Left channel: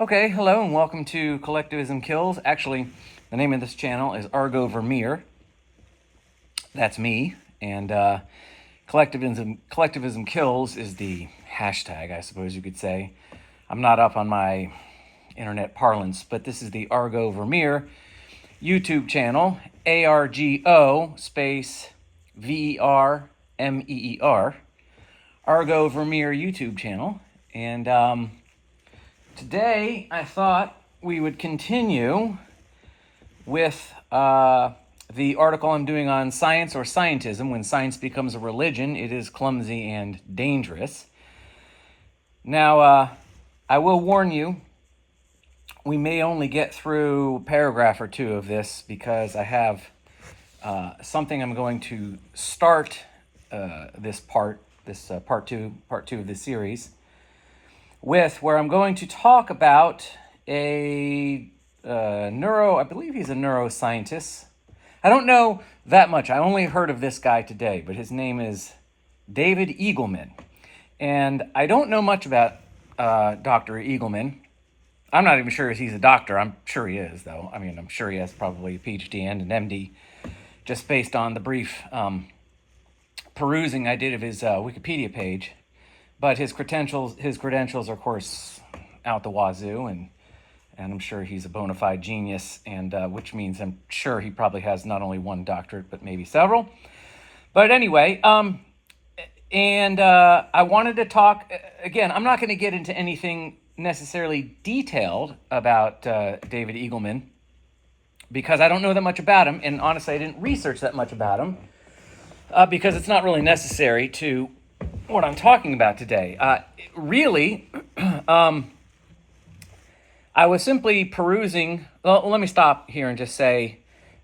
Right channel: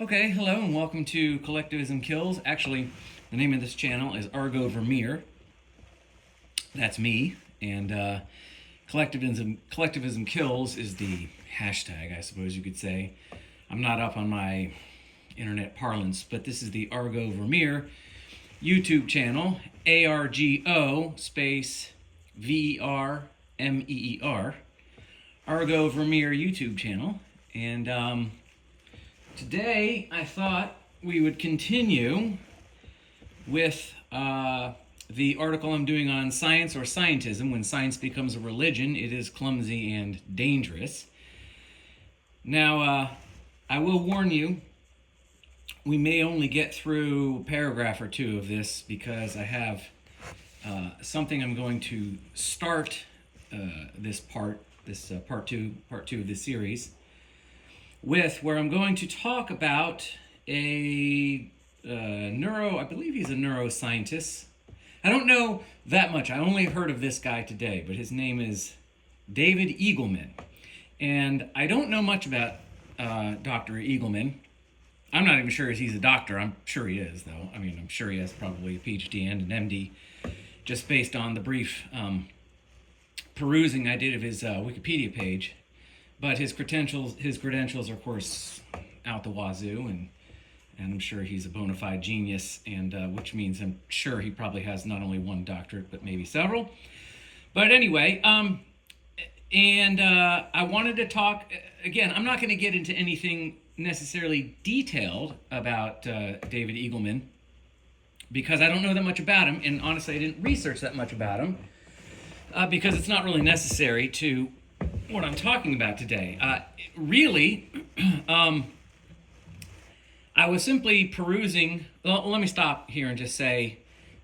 Okay, hello and welcome to Collectivism Kills. Actually, the name of this channel is Argo Vermeer. That's me. And Collectivism Kills is the hashtag, I suppose you could say. I'm not up on my internet parlance, but this is the Argo Vermeer YouTube channel. ARGO space VERMEER. Argo Vermeer YouTube channel. And today, I thought we would continue with the article I'm doing on science or scientism. When science becomes a religion, it is clumsy and dangerous. Now, I will warn you, we may only get through a paragraph or two of this because I have something I'm going to start this part two of this series with, where I'm going to talk about I believe he's a neuroscientist. I don't know that much. I only heard of this guy today, but his name is David Eagleman. And I don't know much about Dr. Eagleman. I'm not even sure if he's a doctor. I'm sure he is, though. I mean, I'm sure he has probably a PhD and an MD, just based on the brief perusing I did of his Wikipedia page. But his credentials are, of course, out the wazoo, and I'm sure he's a bona fide genius, and which means I'm sure he probably has not only one doctorate, but maybe several. But anyway, I wanted to talk, again, I'm not going to get into anything necessarily detailed about David Eagleman, because I don't know that much about him, and honestly, I didn't research that much about him, because it's not really necessary to what I'm talking about today. Really, I was simply perusing. Well, let me stop here and just say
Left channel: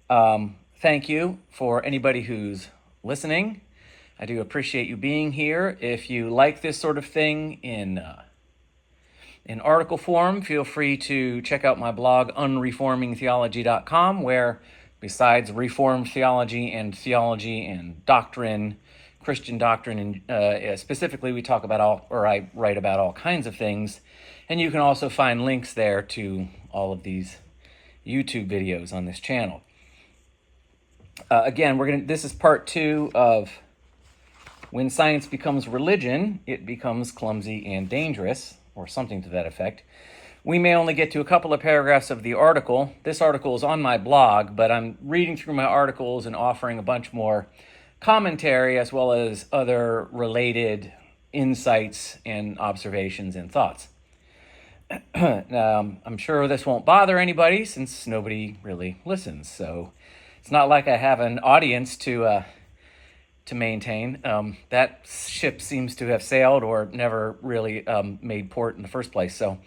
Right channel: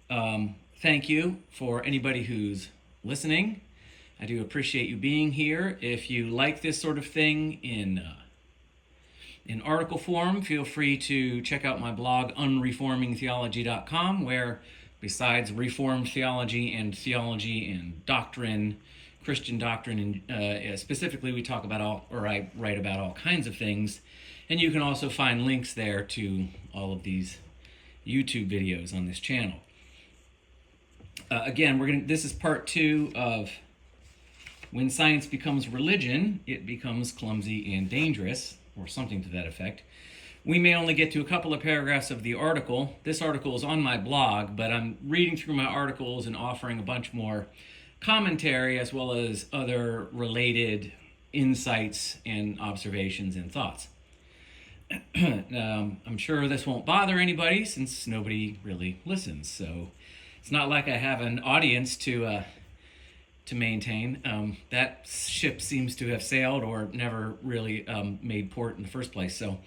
thank you for anybody who's listening. I do appreciate you being here. If you like this sort of thing in article form, feel free to check out my blog, unreformingtheology.com, where besides Reformed theology and doctrine, Christian doctrine, and specifically we talk about I write about all kinds of things, and you can also find links there to all of these YouTube videos on this channel. Again, this is part 2 of When Science Becomes Religion, It Becomes Clumsy and Dangerous, or something to that effect. We may only get to a couple of paragraphs of the article. This article is on my blog, but I'm reading through my articles and offering a bunch more commentary as well as other related insights and observations and thoughts. I'm sure this won't bother anybody since nobody really listens, so it's not like I have an audience to maintain. That ship seems to have sailed or never really made port in the first place, so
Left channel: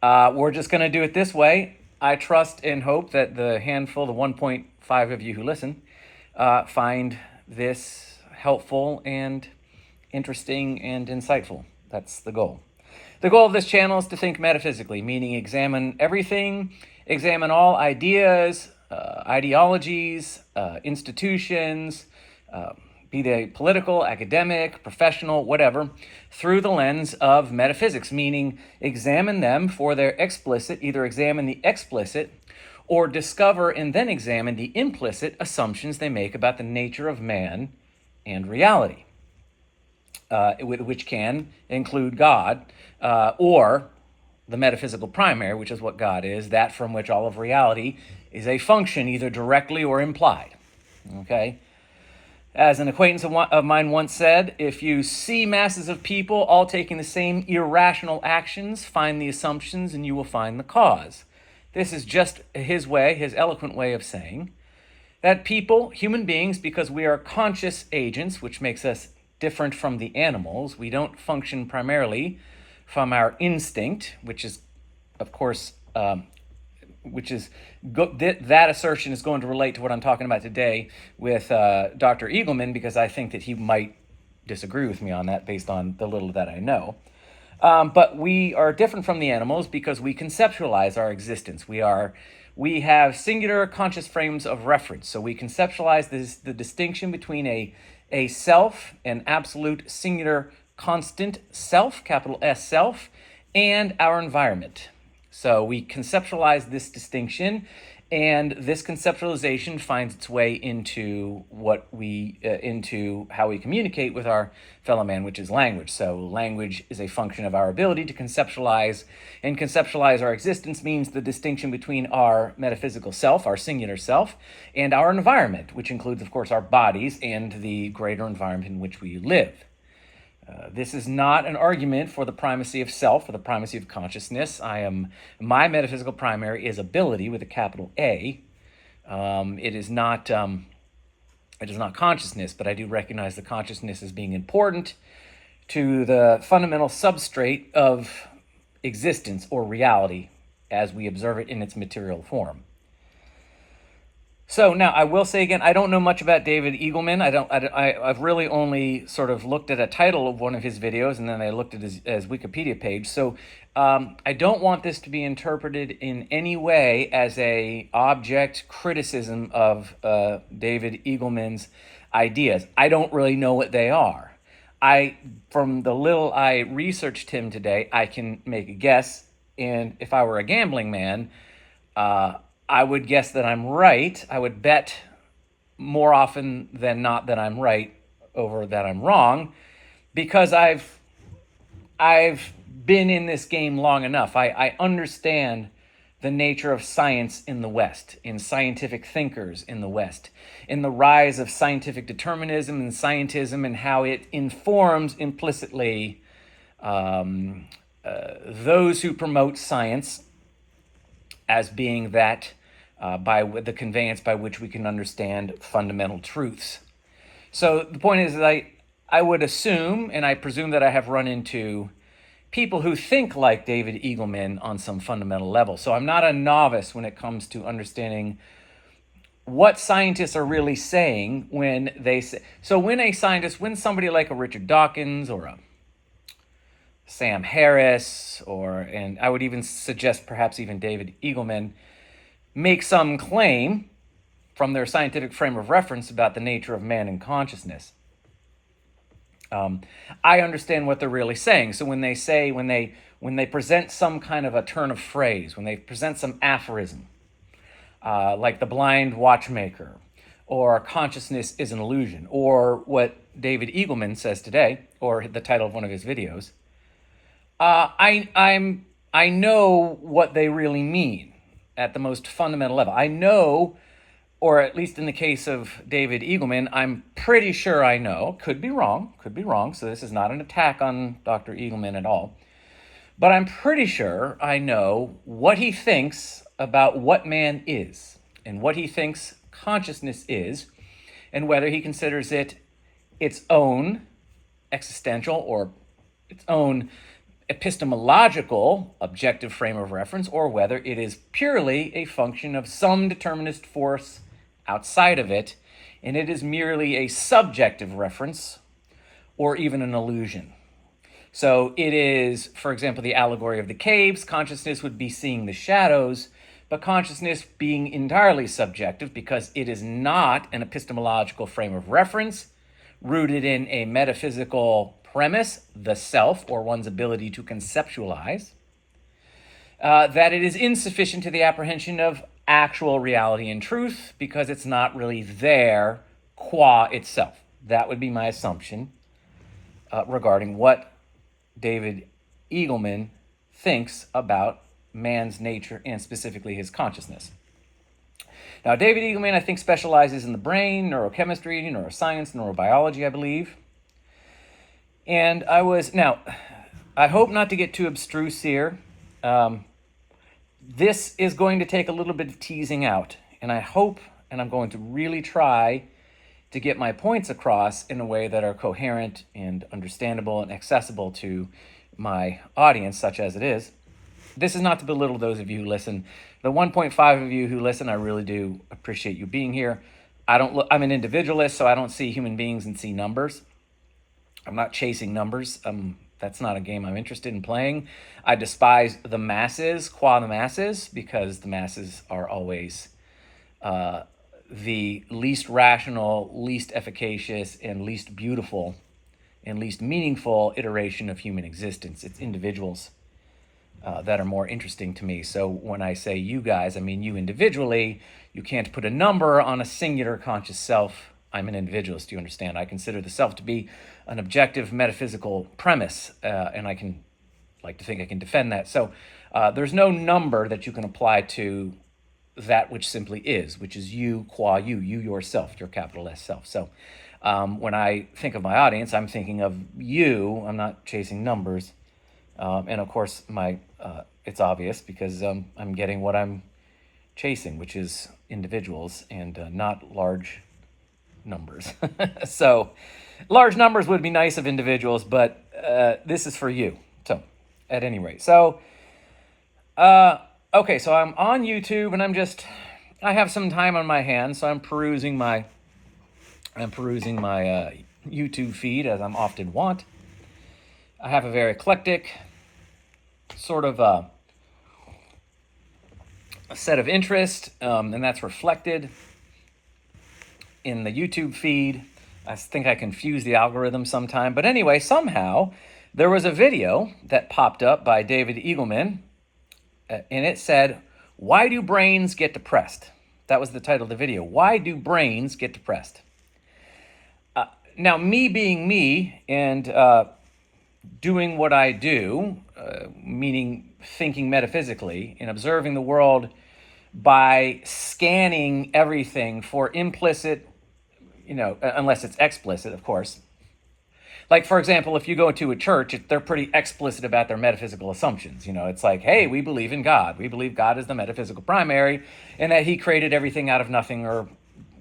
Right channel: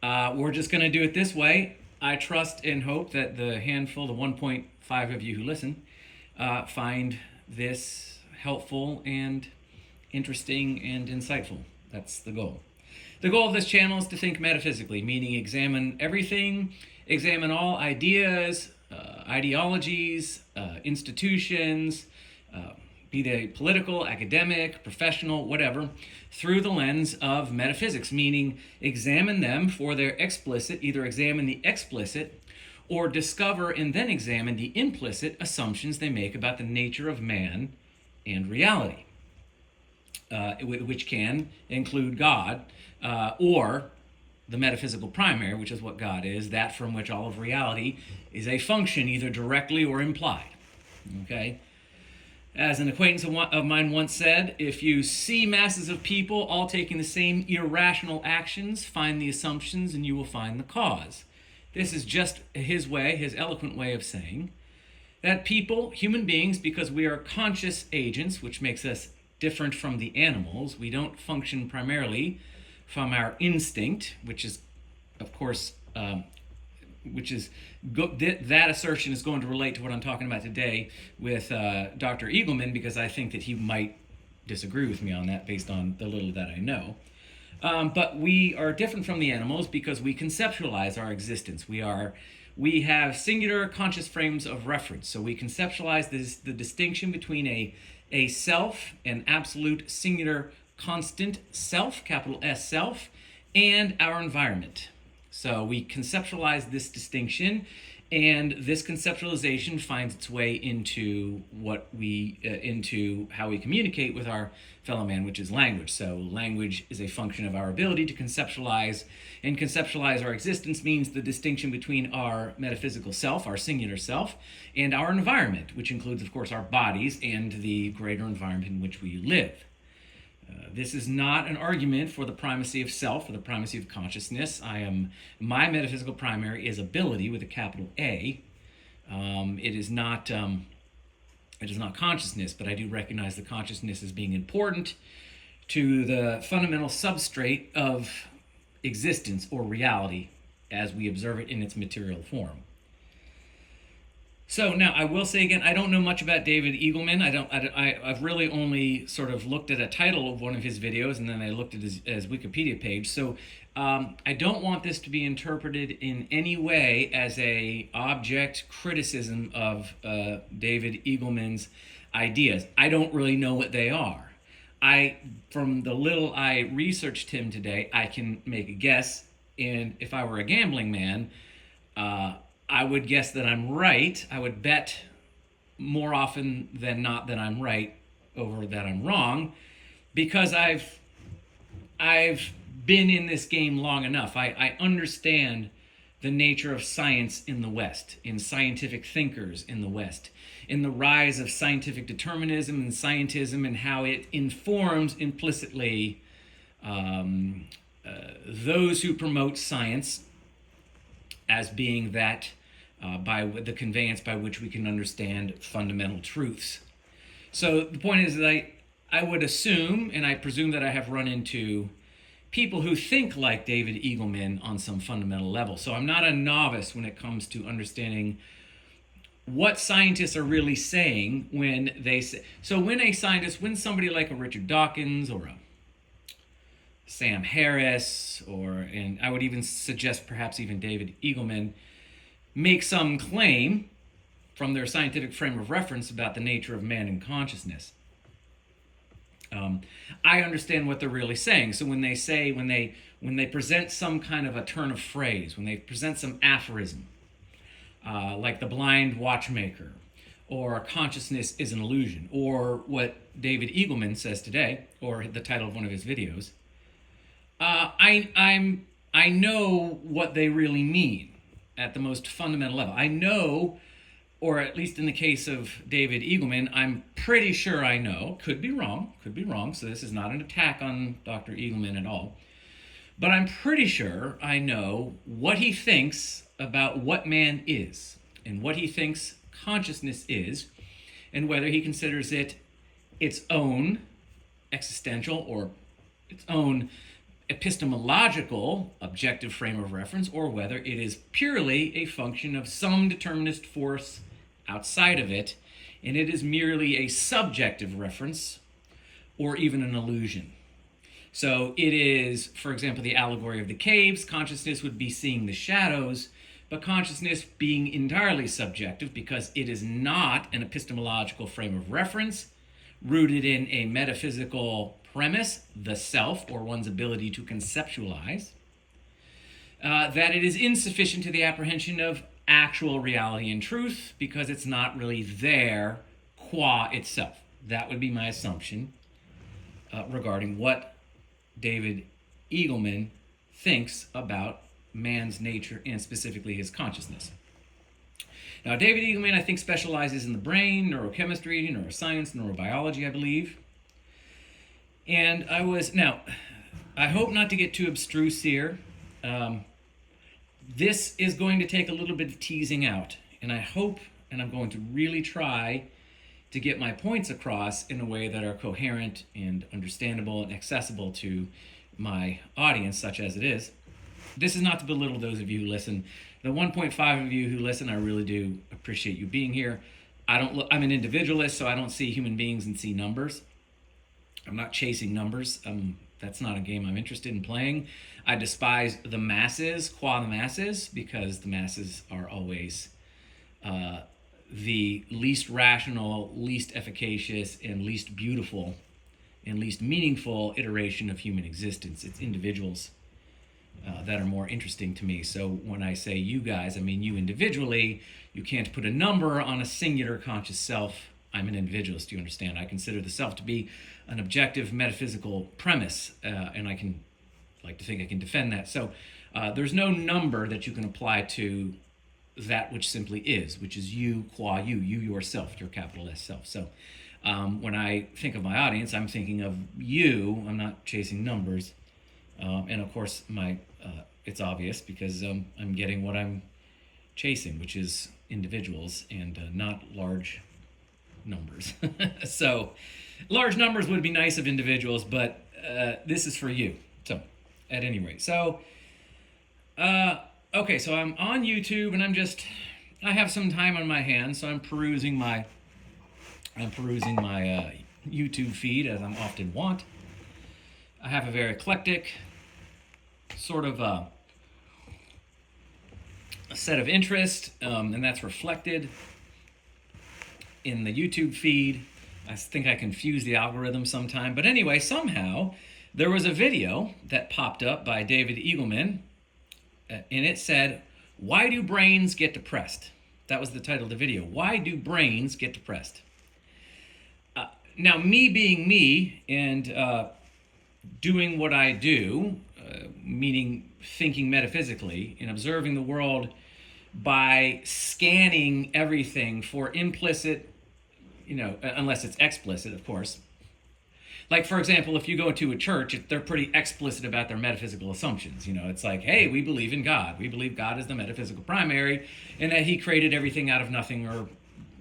we're just going to do it this way. I trust and hope that the 1.5 of you who listen find this helpful and interesting and insightful. That's the goal. The goal of this channel is to think metaphysically, meaning examine everything, examine all ideas, ideologies, institutions, be they political, academic, professional, whatever, through the lens of metaphysics, meaning examine them for their explicit, either examine the explicit or discover and then examine the implicit assumptions they make about the nature of man and reality, which can include God, or the metaphysical primary, which is what God is, that from which all of reality is a function, either directly or implied. Okay? As an acquaintance of mine once said, if you see masses of people all taking the same irrational actions, find the assumptions and you will find the cause. This is just his eloquent way of saying that people, human beings, because we are conscious agents, which makes us different from the animals, we don't function primarily from our instinct, which is, of course, that assertion is going to relate to what I'm talking about today with Dr. Eagleman, because I think that he might disagree with me on that based on the little that I know. But we are different from the animals because we conceptualize our existence. We have singular conscious frames of reference. So we conceptualize the distinction between a self, an absolute singular constant self, capital S self, and our environment. So we conceptualize this distinction, and this conceptualization finds its way into into how we communicate with our fellow man, which is language. So language is a function of our ability to conceptualize, and conceptualize our existence means the distinction between our metaphysical self, our singular self, and our environment, which includes, of course, our bodies and the greater environment in which we live. This is not an argument for the primacy of self or the primacy of consciousness. My metaphysical primary is ability with a capital A. It is not consciousness, but I do recognize the consciousness as being important to the fundamental substrate of existence or reality as we observe it in its material form. So now I will say again, I don't know much about David Eagleman. I've really only sort of looked at a title of one of his videos, and then I looked at his Wikipedia page. So I don't want this to be interpreted in any way as a object criticism of David Eagleman's ideas. I don't really know what they are. From the little I researched him today, I can make a guess, and if I were a gambling man, I would guess that I'm right. I would bet more often than not that I'm right over that I'm wrong, because I've been in this game long enough. I understand the nature of science in the West, in scientific thinkers in the West, in the rise of scientific determinism and scientism, and how it informs implicitly those who promote science as being that by the conveyance by which we can understand fundamental truths. So the point is that I would assume, and I presume that I have run into people who think like David Eagleman on some fundamental level. So I'm not a novice when it comes to understanding what scientists are really saying when they say. So when somebody like a Richard Dawkins or a Sam Harris, and I would even suggest perhaps even David Eagleman, make some claim from their scientific frame of reference about the nature of man and consciousness, I understand what they're really saying. So when they present some kind of a turn of phrase, when they present some aphorism, like the blind watchmaker, or consciousness is an illusion, or what David Eagleman says today, or the title of one of his videos, I know what they really mean at the most fundamental level. I know, or at least in the case of David Eagleman, I'm pretty sure I know. Could be wrong. So this is not an attack on Dr. Eagleman at all. But I'm pretty sure I know what he thinks about what man is, and what he thinks consciousness is, and whether he considers it its own existential or its own epistemological objective frame of reference, or whether it is purely a function of some determinist force outside of it, and it is merely a subjective reference or even an illusion. So it is, for example, the allegory of the caves. Consciousness would be seeing the shadows, but consciousness being entirely subjective because it is not an epistemological frame of reference rooted in a metaphysical premise, the self, or one's ability to conceptualize, that it is insufficient to the apprehension of actual reality and truth because it's not really there qua itself. That would be my assumption regarding what David Eagleman thinks about man's nature and specifically his consciousness. Now, David Eagleman, I think, specializes in the brain, neurochemistry, neuroscience, neurobiology, I believe. And I hope not to get too abstruse here. This is going to take a little bit of teasing out, and I hope, and I'm going to really try to get my points across in a way that are coherent and understandable and accessible to my audience, such as it is. This is not to belittle those of you who listen. The 1.5 of you who listen, I really do appreciate you being here. I'm an individualist, so I don't see human beings and see numbers. I'm not chasing numbers. That's not a game I'm interested in playing. I despise the masses, qua the masses, because the masses are always the least rational, least efficacious, and least beautiful, and least meaningful iteration of human existence. It's individuals that are more interesting to me. So when I say you guys, I mean you individually. You can't put a number on a singular conscious self. I'm an individualist, you understand. I consider the self to be an objective metaphysical premise, and I can like to think I can defend that. So there's no number that you can apply to that which simply is, which is you qua you yourself, your capital S self. So when I think of my audience, I'm thinking of you. I'm not chasing numbers. And of course, it's obvious because I'm getting what I'm chasing, which is individuals and not large numbers. So large numbers would be nice of individuals, but this is for you. So at any rate, so okay, so I'm on YouTube and I have some time on my hands, so I'm perusing my YouTube feed as I'm often wont. I have a very eclectic sort of a set of interest, and that's reflected in the YouTube feed. I think I confuse the algorithm sometime. But anyway, somehow there was a video that popped up by David Eagleman, and it said, "Why do brains get depressed?" That was the title of the video. Why do brains get depressed? Now, me being me and doing what I do, meaning thinking metaphysically and observing the world by scanning everything for implicit, unless it's explicit, of course. Like, for example, if you go to a church, they're pretty explicit about their metaphysical assumptions. It's like, hey, we believe in God. We believe God is the metaphysical primary and that he created everything out of nothing, or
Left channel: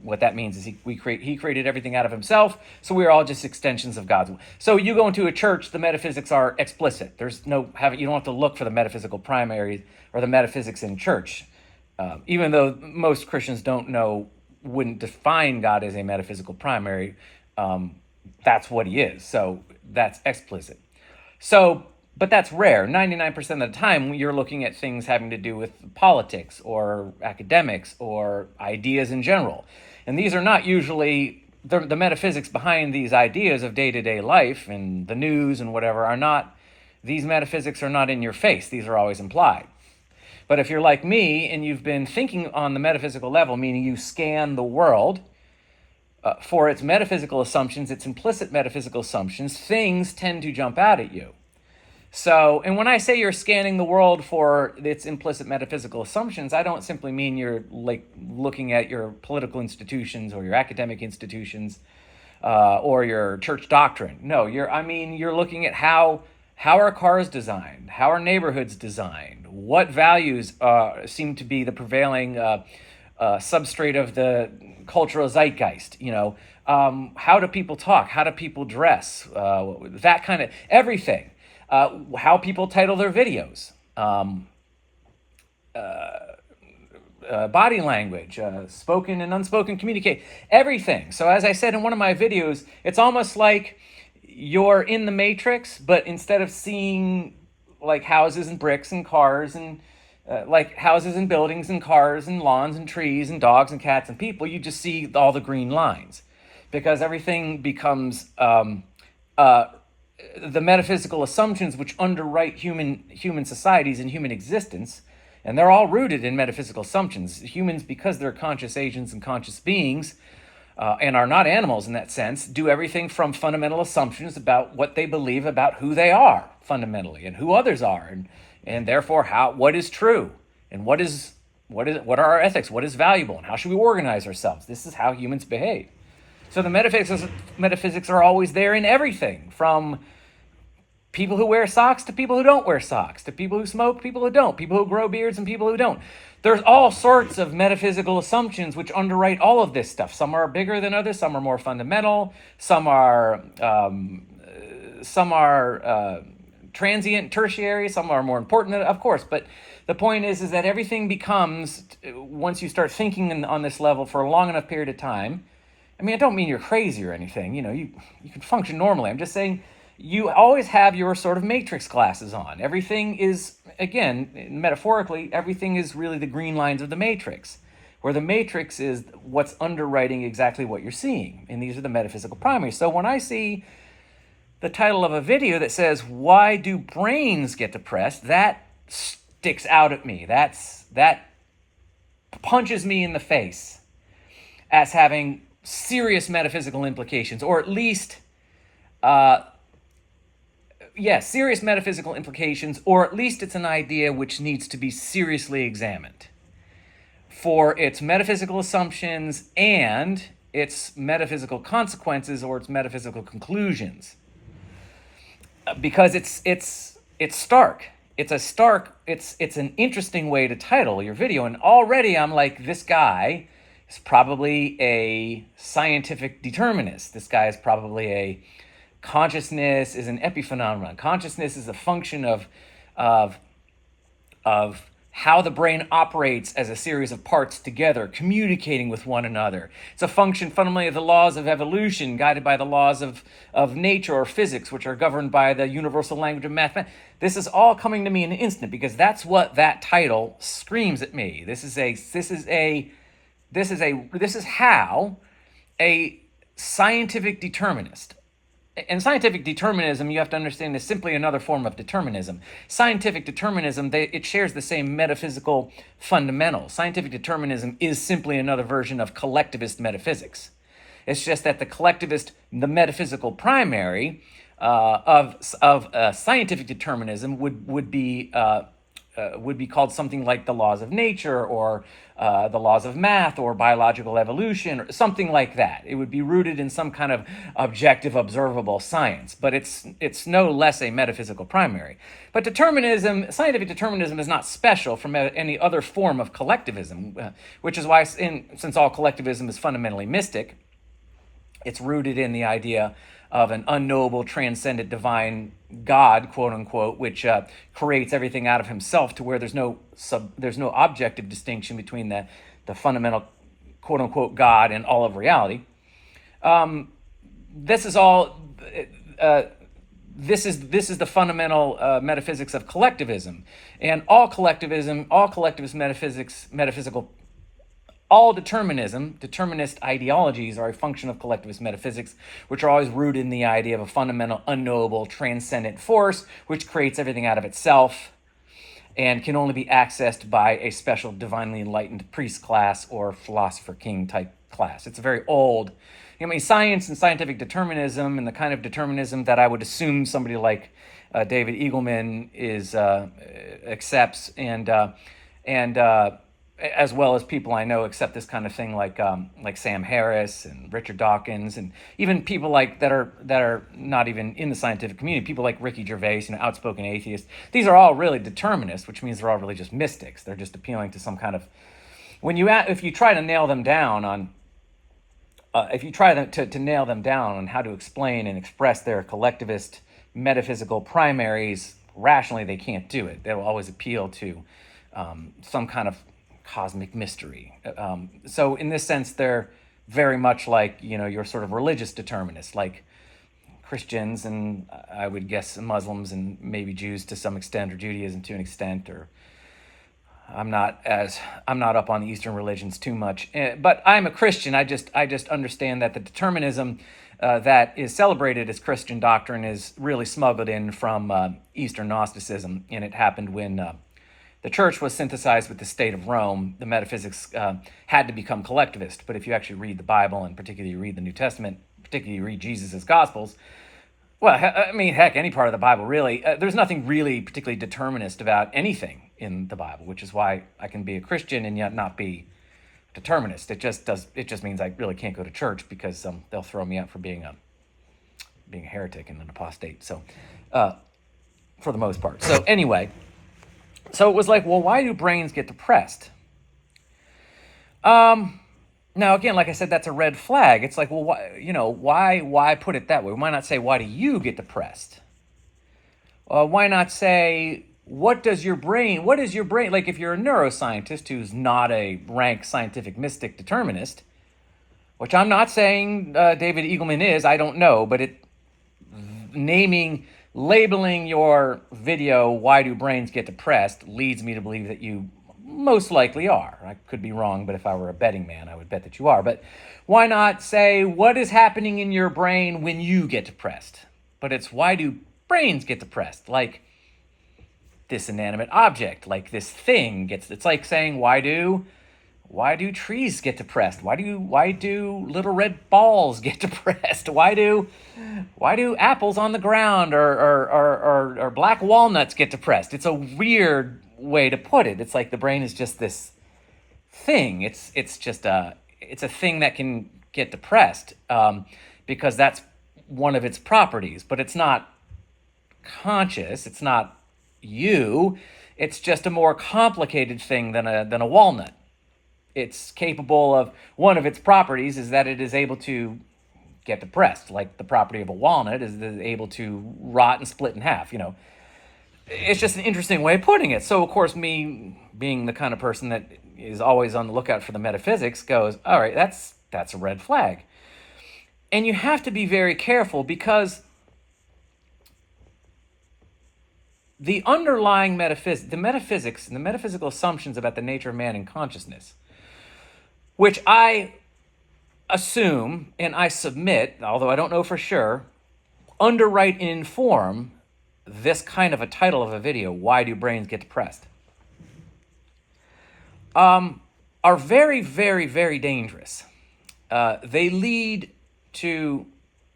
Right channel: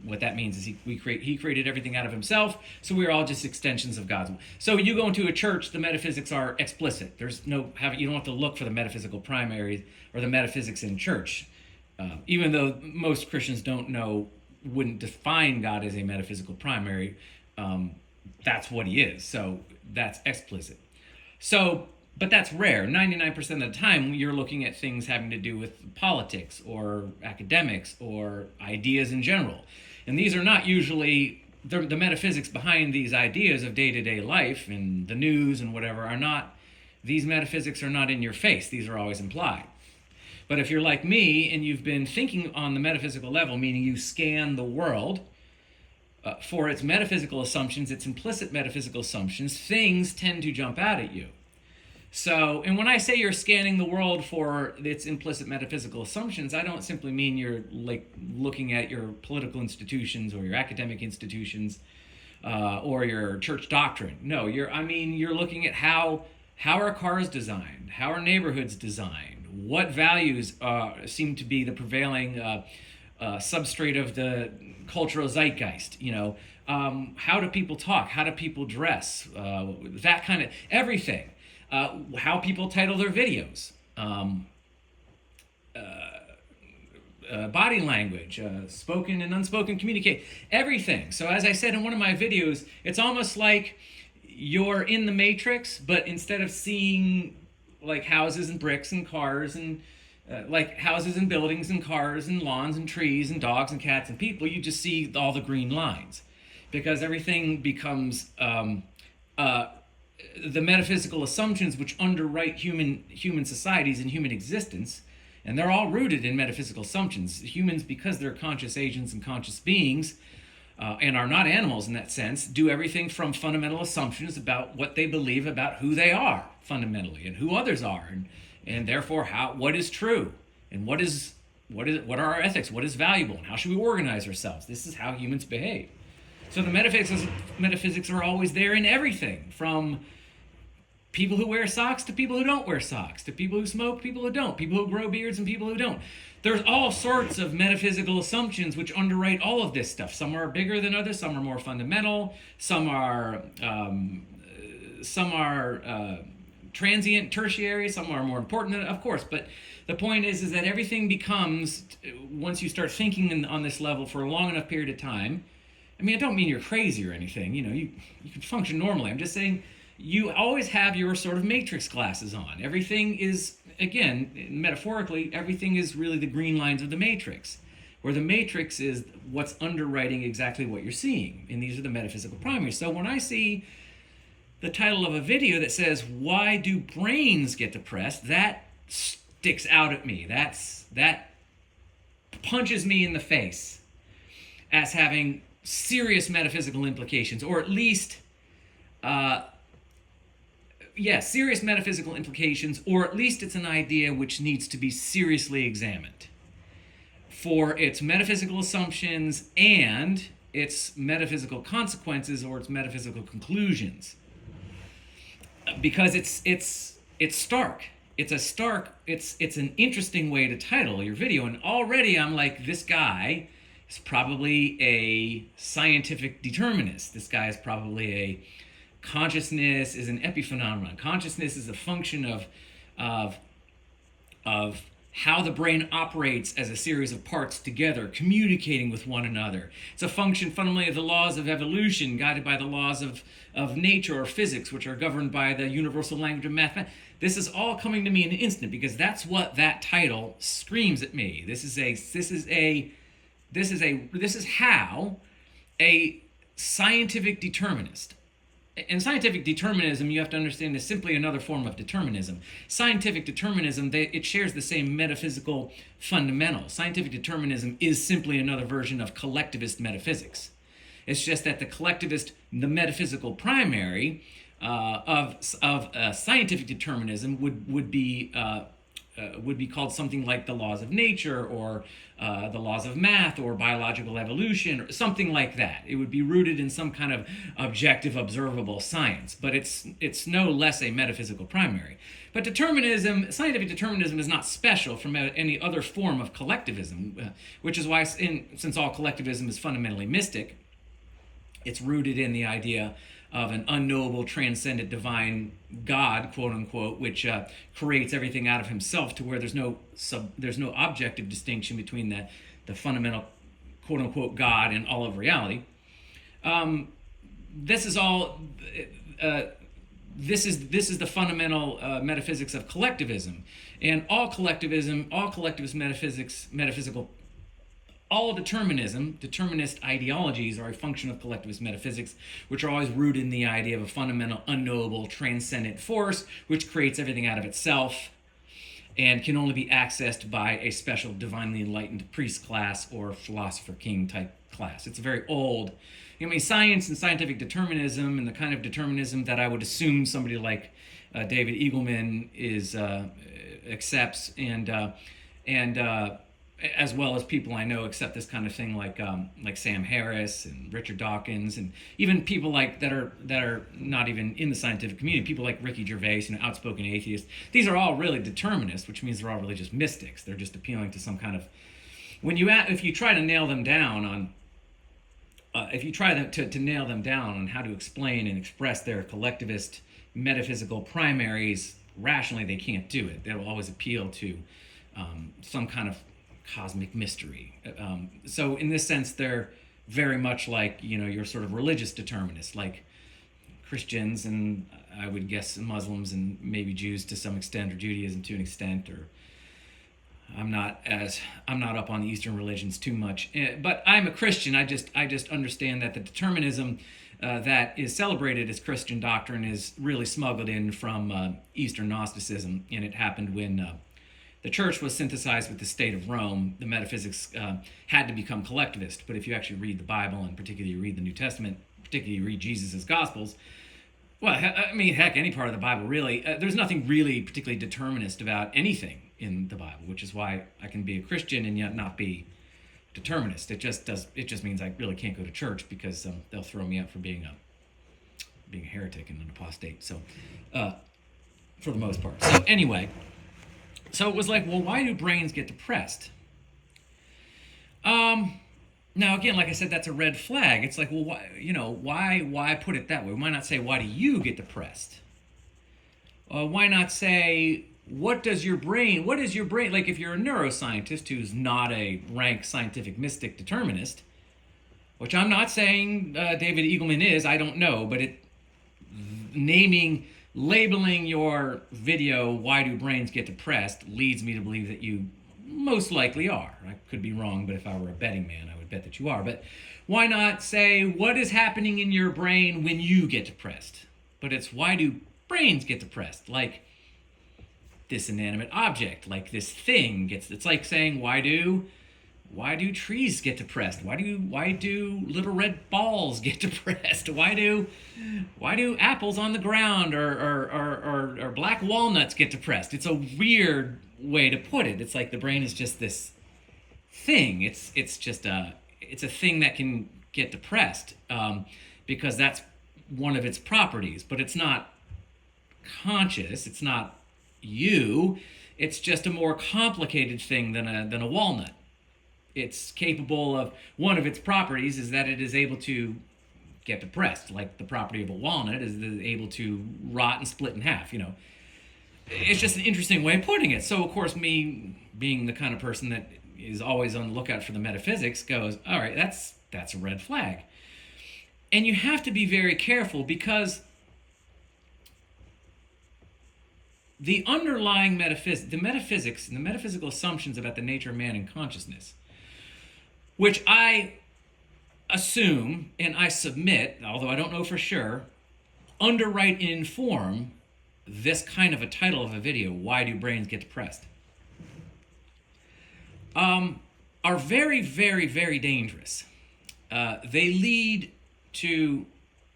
what that means is he created everything out of himself, so we're all just extensions of God's. So you go into a church, the metaphysics are explicit. You don't have to look for the metaphysical primary or the metaphysics in church, even though most Christians wouldn't define God as a metaphysical primary. That's what he is, so that's explicit. So, but that's rare. 99% of the time, you're looking at things having to do with politics or academics or ideas in general. And these are not usually, the metaphysics behind these ideas of day-to-day life and the news and whatever these metaphysics are not in your face. These are always implied. But if you're like me and you've been thinking on the metaphysical level, meaning you scan the world for its metaphysical assumptions, its implicit metaphysical assumptions, things tend to jump out at you. So, and when I say you're scanning the world for its implicit metaphysical assumptions, I don't simply mean you're like looking at your political institutions or your academic institutions or your church doctrine. No, you're looking at how are cars designed, how are neighborhoods designed, what values seem to be the prevailing substrate of the cultural zeitgeist. How do people talk? How do people dress? That kind of everything. How people title their videos, body language, spoken and unspoken communicate, everything. So as I said in one of my videos, it's almost like you're in the Matrix, but instead of seeing like houses and bricks and cars and like houses and buildings and cars and lawns and trees and dogs and cats and people, you just see all the green lines, because everything becomes the metaphysical assumptions which underwrite human societies and human existence, and they're all rooted in metaphysical assumptions. Humans, because they're conscious agents and conscious beings, and are not animals in that sense, do everything from fundamental assumptions about what they believe about who they are fundamentally and who others are, and therefore what is true and what are our ethics, what is valuable, and how should we organize ourselves. This is how humans behave. So the metaphysics are always there in everything, from people who wear socks to people who don't wear socks, to people who smoke, people who don't, people who grow beards and people who don't. There's all sorts of metaphysical assumptions which underwrite all of this stuff. Some are bigger than others, some are more fundamental, some are transient, tertiary, some are more important, of course. But the point is that everything becomes, once you start thinking on this level for a long enough period of time, I mean, I don't mean you're crazy or anything. You can function normally. I'm just saying you always have your sort of matrix glasses on. Everything is, again, metaphorically, everything is really the green lines of the matrix, where the matrix is what's underwriting exactly what you're seeing. And these are the metaphysical primaries. So when I see the title of a video that says, "Why do brains get depressed?" that sticks out at me. That punches me in the face as having serious metaphysical implications, or at least, serious metaphysical implications, or at least it's an idea which needs to be seriously examined for its metaphysical assumptions and its metaphysical consequences or its metaphysical conclusions. Because it's stark. It's an interesting way to title your video. And already I'm like, this guy is probably a scientific determinist. This guy is probably a consciousness is an epiphenomenon. Consciousness is a function of how the brain operates as a series of parts together, communicating with one another. It's a function fundamentally of the laws of evolution, guided by the laws of nature or physics, which are governed by the universal language of mathematics. This is all coming to me in an instant because that's what that title screams at me. This is how a scientific determinist. And scientific determinism, you have to understand, is simply another form of determinism. Scientific determinism, it shares the same metaphysical fundamentals. Scientific determinism is simply another version of collectivist metaphysics. It's just that the metaphysical primary of scientific determinism would be called something like the laws of nature or the laws of math or biological evolution or something like that. It would be rooted in some kind of objective, observable science, but it's no less a metaphysical primary. But scientific determinism is not special from any other form of collectivism, which is why, since all collectivism is fundamentally mystic, it's rooted in the idea of an unknowable, transcendent, divine God, quote unquote, which creates everything out of himself, to where there's no objective distinction between the fundamental, quote unquote, God and all of reality. This is all. This is the fundamental metaphysics of collectivism, and all collectivist metaphysical. All determinist ideologies are a function of collectivist metaphysics, which are always rooted in the idea of a fundamental, unknowable, transcendent force, which creates everything out of itself and can only be accessed by a special divinely enlightened priest class or philosopher king type class. It's a very old, science and scientific determinism, and the kind of determinism that I would assume somebody like David Eagleman accepts, and as well as people I know accept this kind of thing, like Sam Harris and Richard Dawkins, and even people that are not even in the scientific community, people like Ricky Gervais, outspoken atheists. These are all really determinists, which means they're all really just mystics. They're just appealing to some kind of, if you try to nail them down on how to explain and express their collectivist metaphysical primaries rationally, they can't do it. They'll always appeal to some kind of cosmic mystery. So in this sense, they're very much like, your sort of religious determinists, like Christians, and I would guess Muslims and maybe Jews to some extent, or Judaism to an extent, or I'm not up on the Eastern religions too much, but I'm a Christian. I just understand that the determinism that is celebrated as Christian doctrine is really smuggled in from Eastern Gnosticism, and it happened when the church was synthesized with the state of Rome. The metaphysics had to become collectivist. But if you actually read the Bible, and particularly read the New Testament, particularly read Jesus' Gospels, well, heck, any part of the Bible, really, there's nothing really particularly determinist about anything in the Bible, which is why I can be a Christian and yet not be determinist. It just means I really can't go to church because they'll throw me out for being a heretic and an apostate. So, for the most part. So anyway. So it was like, well, why do brains get depressed? Now, again, like I said, that's a red flag. It's like, well, why put it that way? Why not say, why do you get depressed? Why not say, what is your brain, like if you're a neuroscientist who's not a rank scientific mystic determinist, which I'm not saying David Eagleman is, I don't know, but labeling your video, why do brains get depressed, leads me to believe that you most likely are. I could be wrong, but if I were a betting man, I would bet that you are. But why not say, what is happening in your brain when you get depressed? But it's, why do brains get depressed? Like, this inanimate object, like this thing gets, it's like saying, why do trees get depressed? Why do little red balls get depressed? Why do apples on the ground or black walnuts get depressed? It's a weird way to put it. It's like the brain is just this thing. It's a thing that can get depressed because that's one of its properties, but it's not conscious. It's not you. It's just a more complicated thing than a walnut. It's capable of, one of its properties is that it is able to get depressed, like the property of a walnut is able to rot and split in half. It's just an interesting way of putting it. So of course, me being the kind of person that is always on the lookout for the metaphysics goes, all right, that's a red flag. And you have to be very careful because the underlying the metaphysics and the metaphysical assumptions about the nature of man and consciousness, which I assume and I submit, although I don't know for sure, underwrite and inform this kind of a title of a video, Why Do Brains Get Depressed? Are very, very, very dangerous. They lead to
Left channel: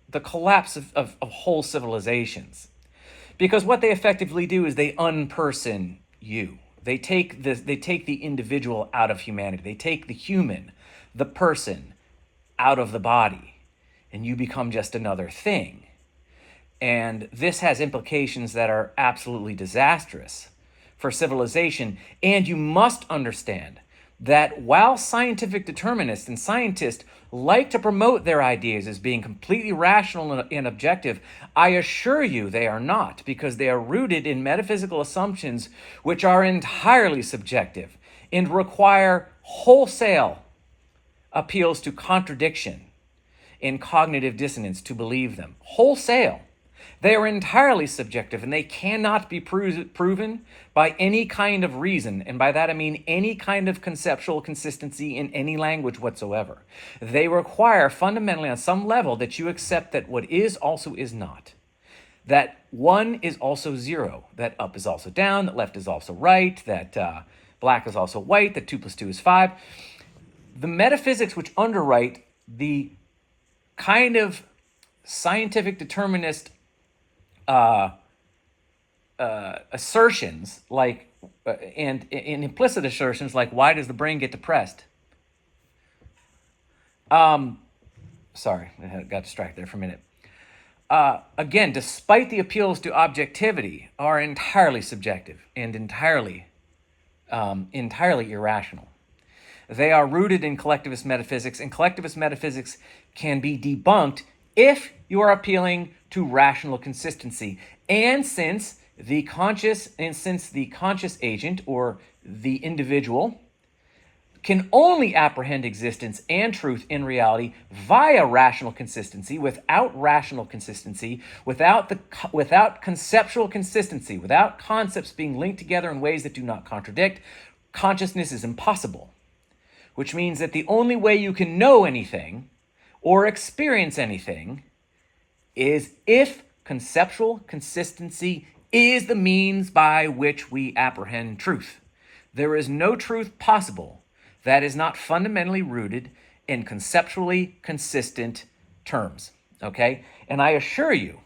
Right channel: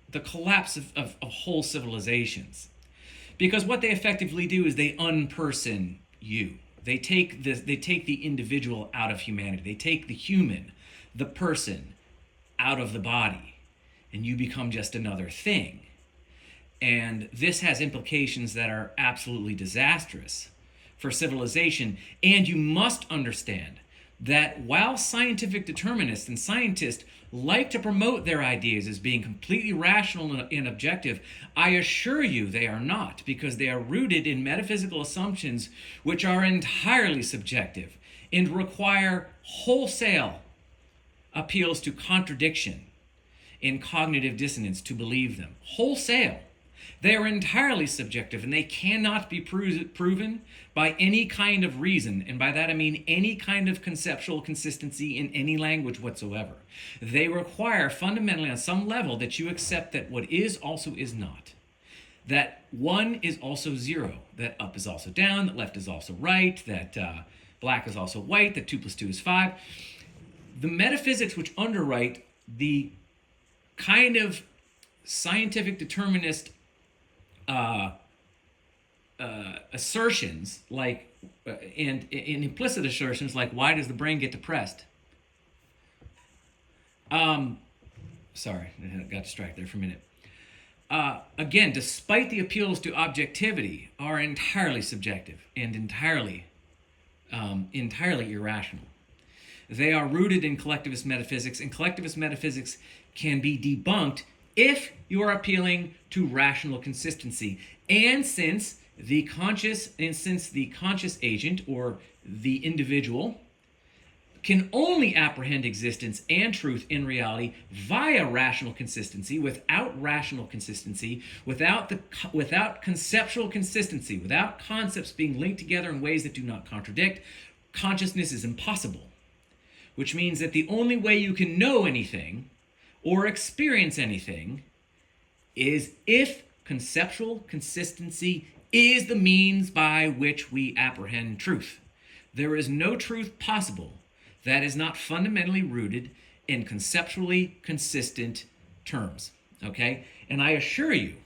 the collapse of whole civilizations. Because what they effectively do is they unperson you. They take the individual out of humanity. They take the human, the person, out of the body, and you become just another thing. And this has implications that are absolutely disastrous for civilization. And you must understand that while scientific determinists and scientists like to promote their ideas as being completely rational and objective, I assure you they are not, because they are rooted in metaphysical assumptions which are entirely subjective and require wholesale appeals to contradiction and cognitive dissonance to believe them. Wholesale. They are entirely subjective, and they cannot be proven by any kind of reason, and by that I mean any kind of conceptual consistency in any language whatsoever. They require fundamentally on some level that you accept that what is also is not, that 1 is also 0, that up is also down, that left is also right, that black is also white, that 2 + 2 is 5. The metaphysics which underwrite the kind of scientific determinist assertions like and implicit assertions like, why does the brain get depressed? Sorry, I got distracted there for a minute. Again, despite the appeals to objectivity, are entirely subjective and entirely irrational. They are rooted in collectivist metaphysics, and collectivist metaphysics can be debunked if you are appealing to rational consistency. And since the conscious agent or the individual can only apprehend existence and truth in reality via rational consistency, without rational consistency, without conceptual consistency, without concepts being linked together in ways that do not contradict, consciousness is impossible. Which means that the only way you can know anything or experience anything is if conceptual consistency is the means by which we apprehend truth. There is no truth possible that is not fundamentally rooted in conceptually consistent terms, okay? And I assure you,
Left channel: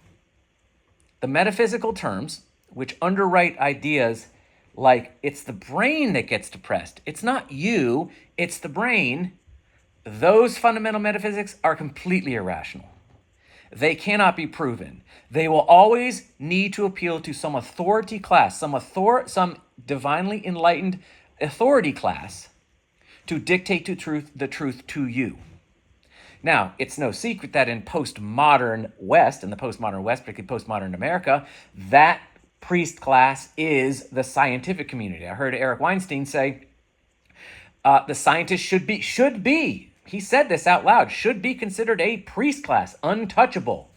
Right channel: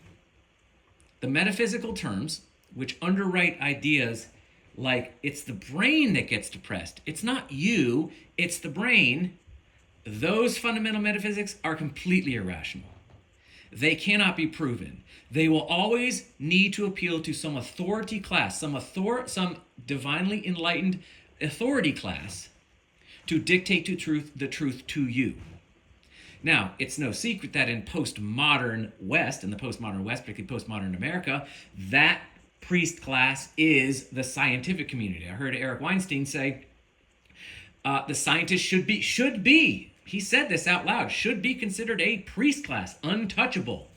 the metaphysical terms, which underwrite ideas like it's the brain that gets depressed, it's not you, it's the brain, those fundamental metaphysics are completely irrational. They cannot be proven. They will always need to appeal to some authority class, some divinely enlightened authority class to dictate the truth to you. Now, it's no secret that in postmodern West, particularly postmodern America, that priest class is the scientific community. I heard Eric Weinstein say, the scientists should be, he said this out loud, should be considered a priest class, untouchable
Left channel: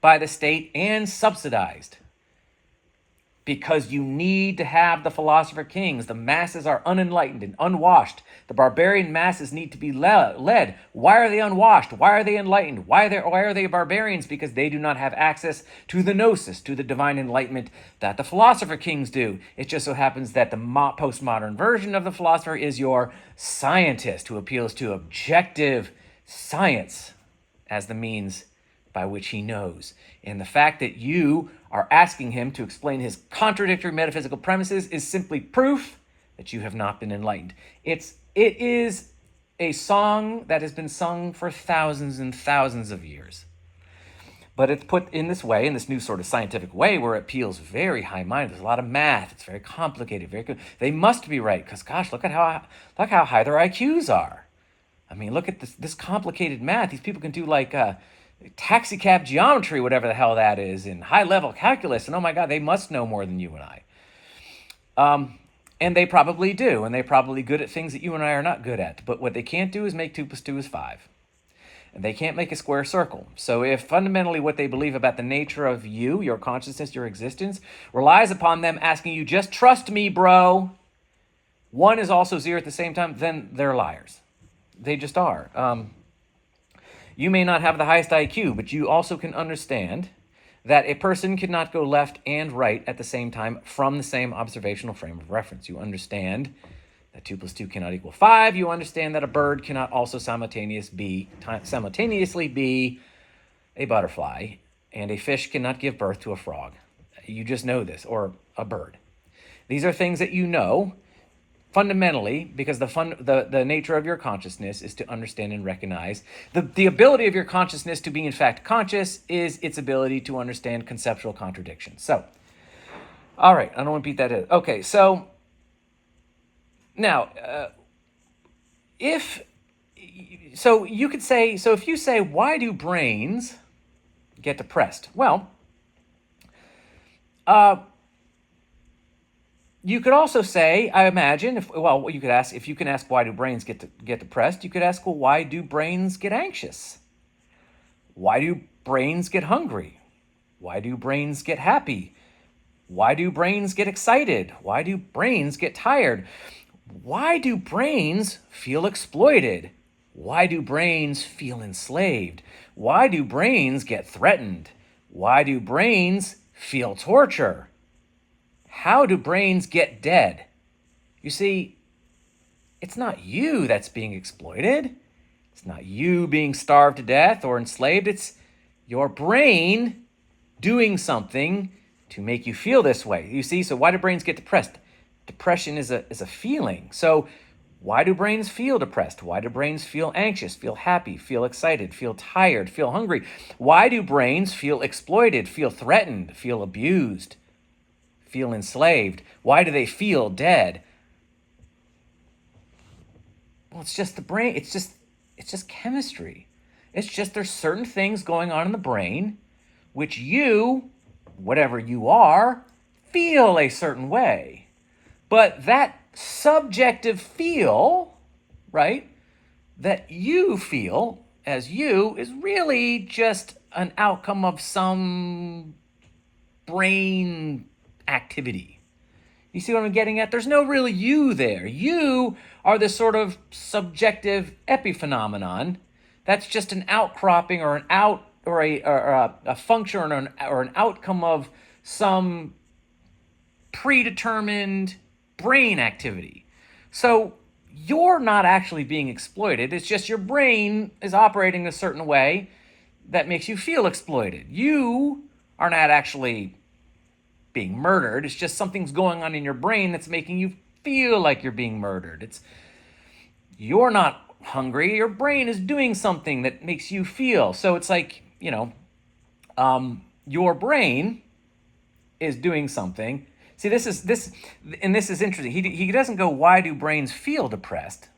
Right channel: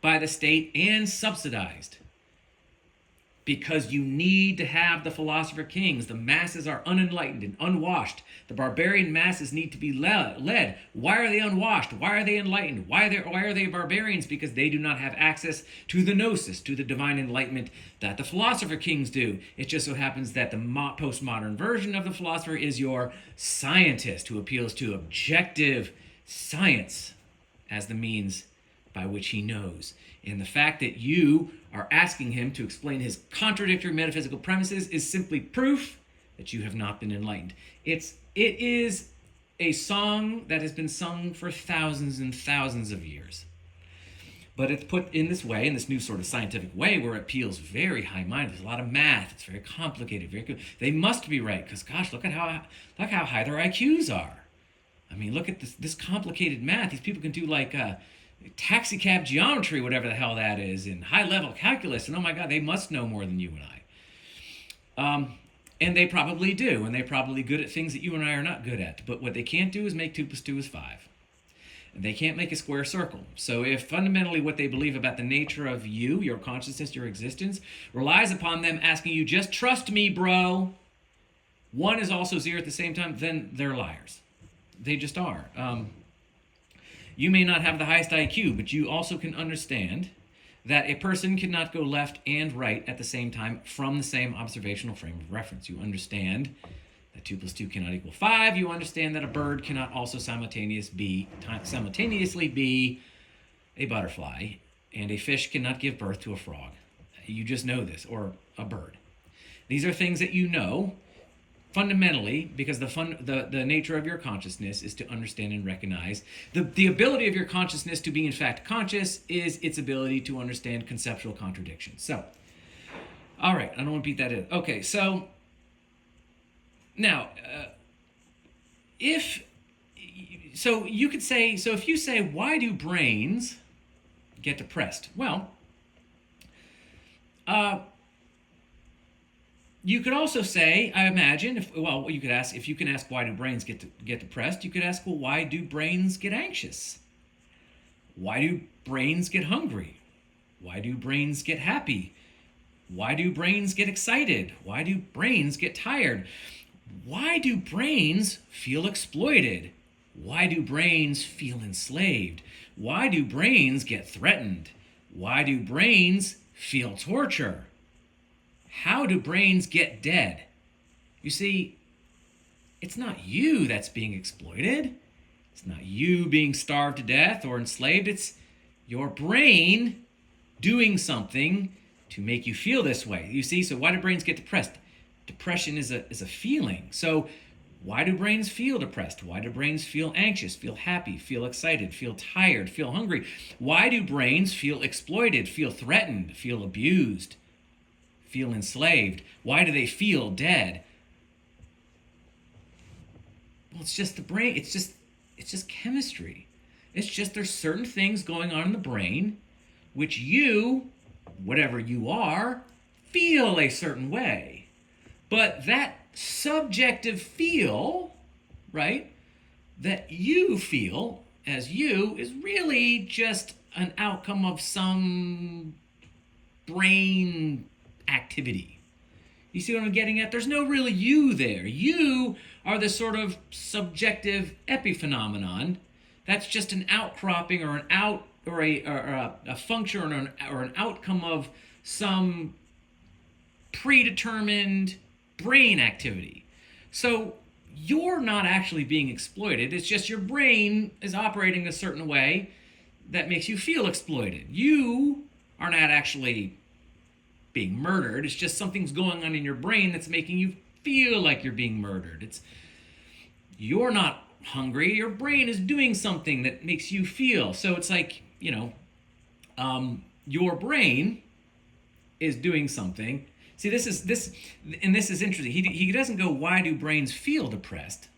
by the state and subsidized. because you need to have the philosopher kings. The masses are unenlightened and unwashed. The barbarian masses need to be led. Why are they unwashed? Why are they enlightened? Why are they barbarians? Because they do not have access to the gnosis, to the divine enlightenment that the philosopher kings do. It just so happens that the postmodern version of the philosopher is your scientist, who appeals to objective science as the means by which he knows. And the fact that you are asking him to explain his contradictory metaphysical premises is simply proof that you have not been enlightened. It is a song that has been sung for thousands and thousands of years. But it's put in this way, in this new sort of scientific way, where it feels very high-minded. There's a lot of math. It's very complicated. Very good. They must be right, because gosh, look how high their IQs are. I mean, look at this complicated math. These people can do like taxi cab geometry, whatever the hell that is, in high-level calculus, and oh my God, they must know more than you and I. And they probably do, and they're probably good at things that you and I are not good at. But what they can't do is make 2 + 2 is 5. And they can't make a square circle. So if fundamentally what they believe about the nature of you, your consciousness, your existence, relies upon them asking you, just trust me, bro, 1 is also 0 at the same time, then they're liars. They just are. You may not have the highest IQ, but you also can understand that a person cannot go left and right at the same time from the same observational frame of reference. You understand that 2 + 2 cannot equal 5. You understand that a bird cannot also simultaneously be a butterfly, and a fish cannot give birth to a frog. You just know this, or a bird. These are things that you know fundamentally, because the nature of your consciousness is to understand and recognize. The ability of your consciousness to be in fact conscious is its ability to understand conceptual contradictions. So, all right, I don't want to beat that in. Okay, so now, if you say, why do brains get depressed? Well, you could also say, I imagine, you could ask, if you can ask why do brains get depressed, you could ask, well, why do brains get anxious? Why do brains get hungry? Why do brains get happy? Why do brains get excited? Why do brains get tired? Why do brains feel exploited? Why do brains feel enslaved? Why do brains get threatened? Why do brains feel torture? How do brains get dead? You see, it's not you that's being exploited. It's not you being starved to death or enslaved. It's your brain doing something to make you feel this way. You see, so why do brains get depressed? Depression is a feeling. So why do brains feel depressed? Why do brains feel anxious, feel happy, feel excited, feel tired, feel hungry? Why do brains feel exploited, feel threatened, feel abused, feel enslaved? Why do they feel dead? Well, it's just the brain. It's just chemistry. It's just there's certain things going on in the brain which you, whatever you are, feel a certain way. But that subjective feel, right, that you feel as you is really just an outcome of some brain activity. You see what I'm getting at? There's no real you there. You are this sort of subjective epiphenomenon that's just an outcropping or a function or an outcome of some predetermined brain activity. So you're not actually being exploited. It's just your brain is operating a certain way that makes you feel exploited. You are not actually being murdered. It's just something's going on in your brain that's making you feel like you're being murdered. You're not hungry. Your brain is doing something that makes you feel. So it's like, your brain is doing something. See, this is interesting. He doesn't go, why do brains feel depressed?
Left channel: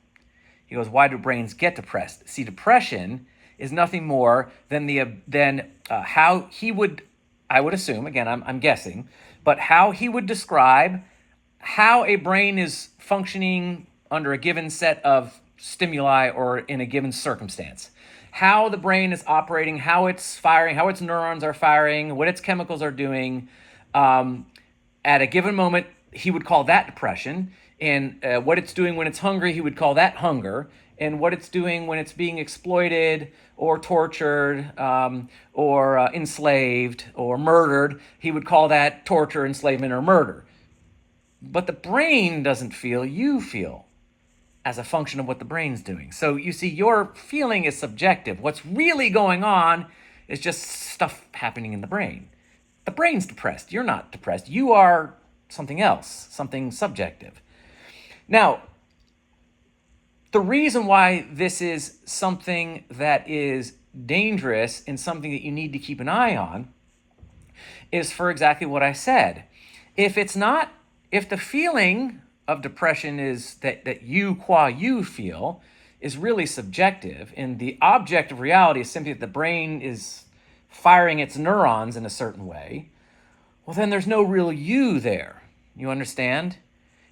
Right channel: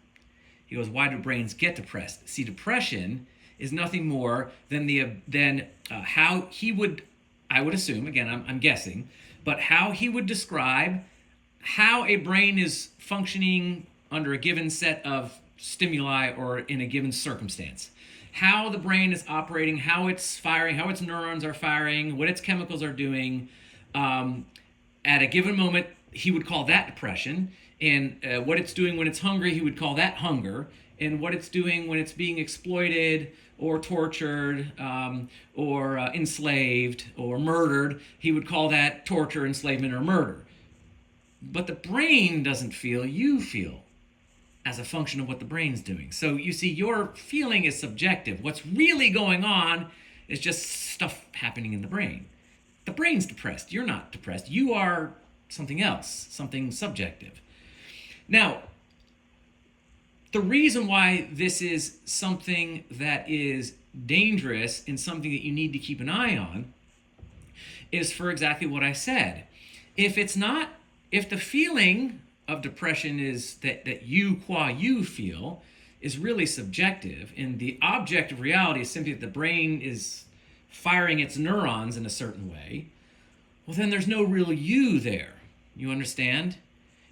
He goes, why do brains get depressed? See, depression is nothing more than how he would, I would assume, again, I'm guessing, but how he would describe how a brain is functioning under a given set of stimuli or in a given circumstance. How the brain is operating, how it's firing, how its neurons are firing, what its chemicals are doing, at a given moment, he would call that depression. And what it's doing when it's hungry, he would call that hunger. And what it's doing when it's being exploited or tortured or enslaved or murdered, he would call that torture, enslavement, or murder. But the brain doesn't feel, you feel as a function of what the brain's doing. So you see, your feeling is subjective. What's really going on is just stuff happening in the brain. The brain's depressed. You're not depressed. You are something else, something subjective. Now, the reason why this is something that is dangerous and something that you need to keep an eye on is for exactly what I said. If the feeling of depression is that you feel is really subjective, and the objective reality is simply that the brain is firing its neurons in a certain way, well, then there's no real you there. You understand?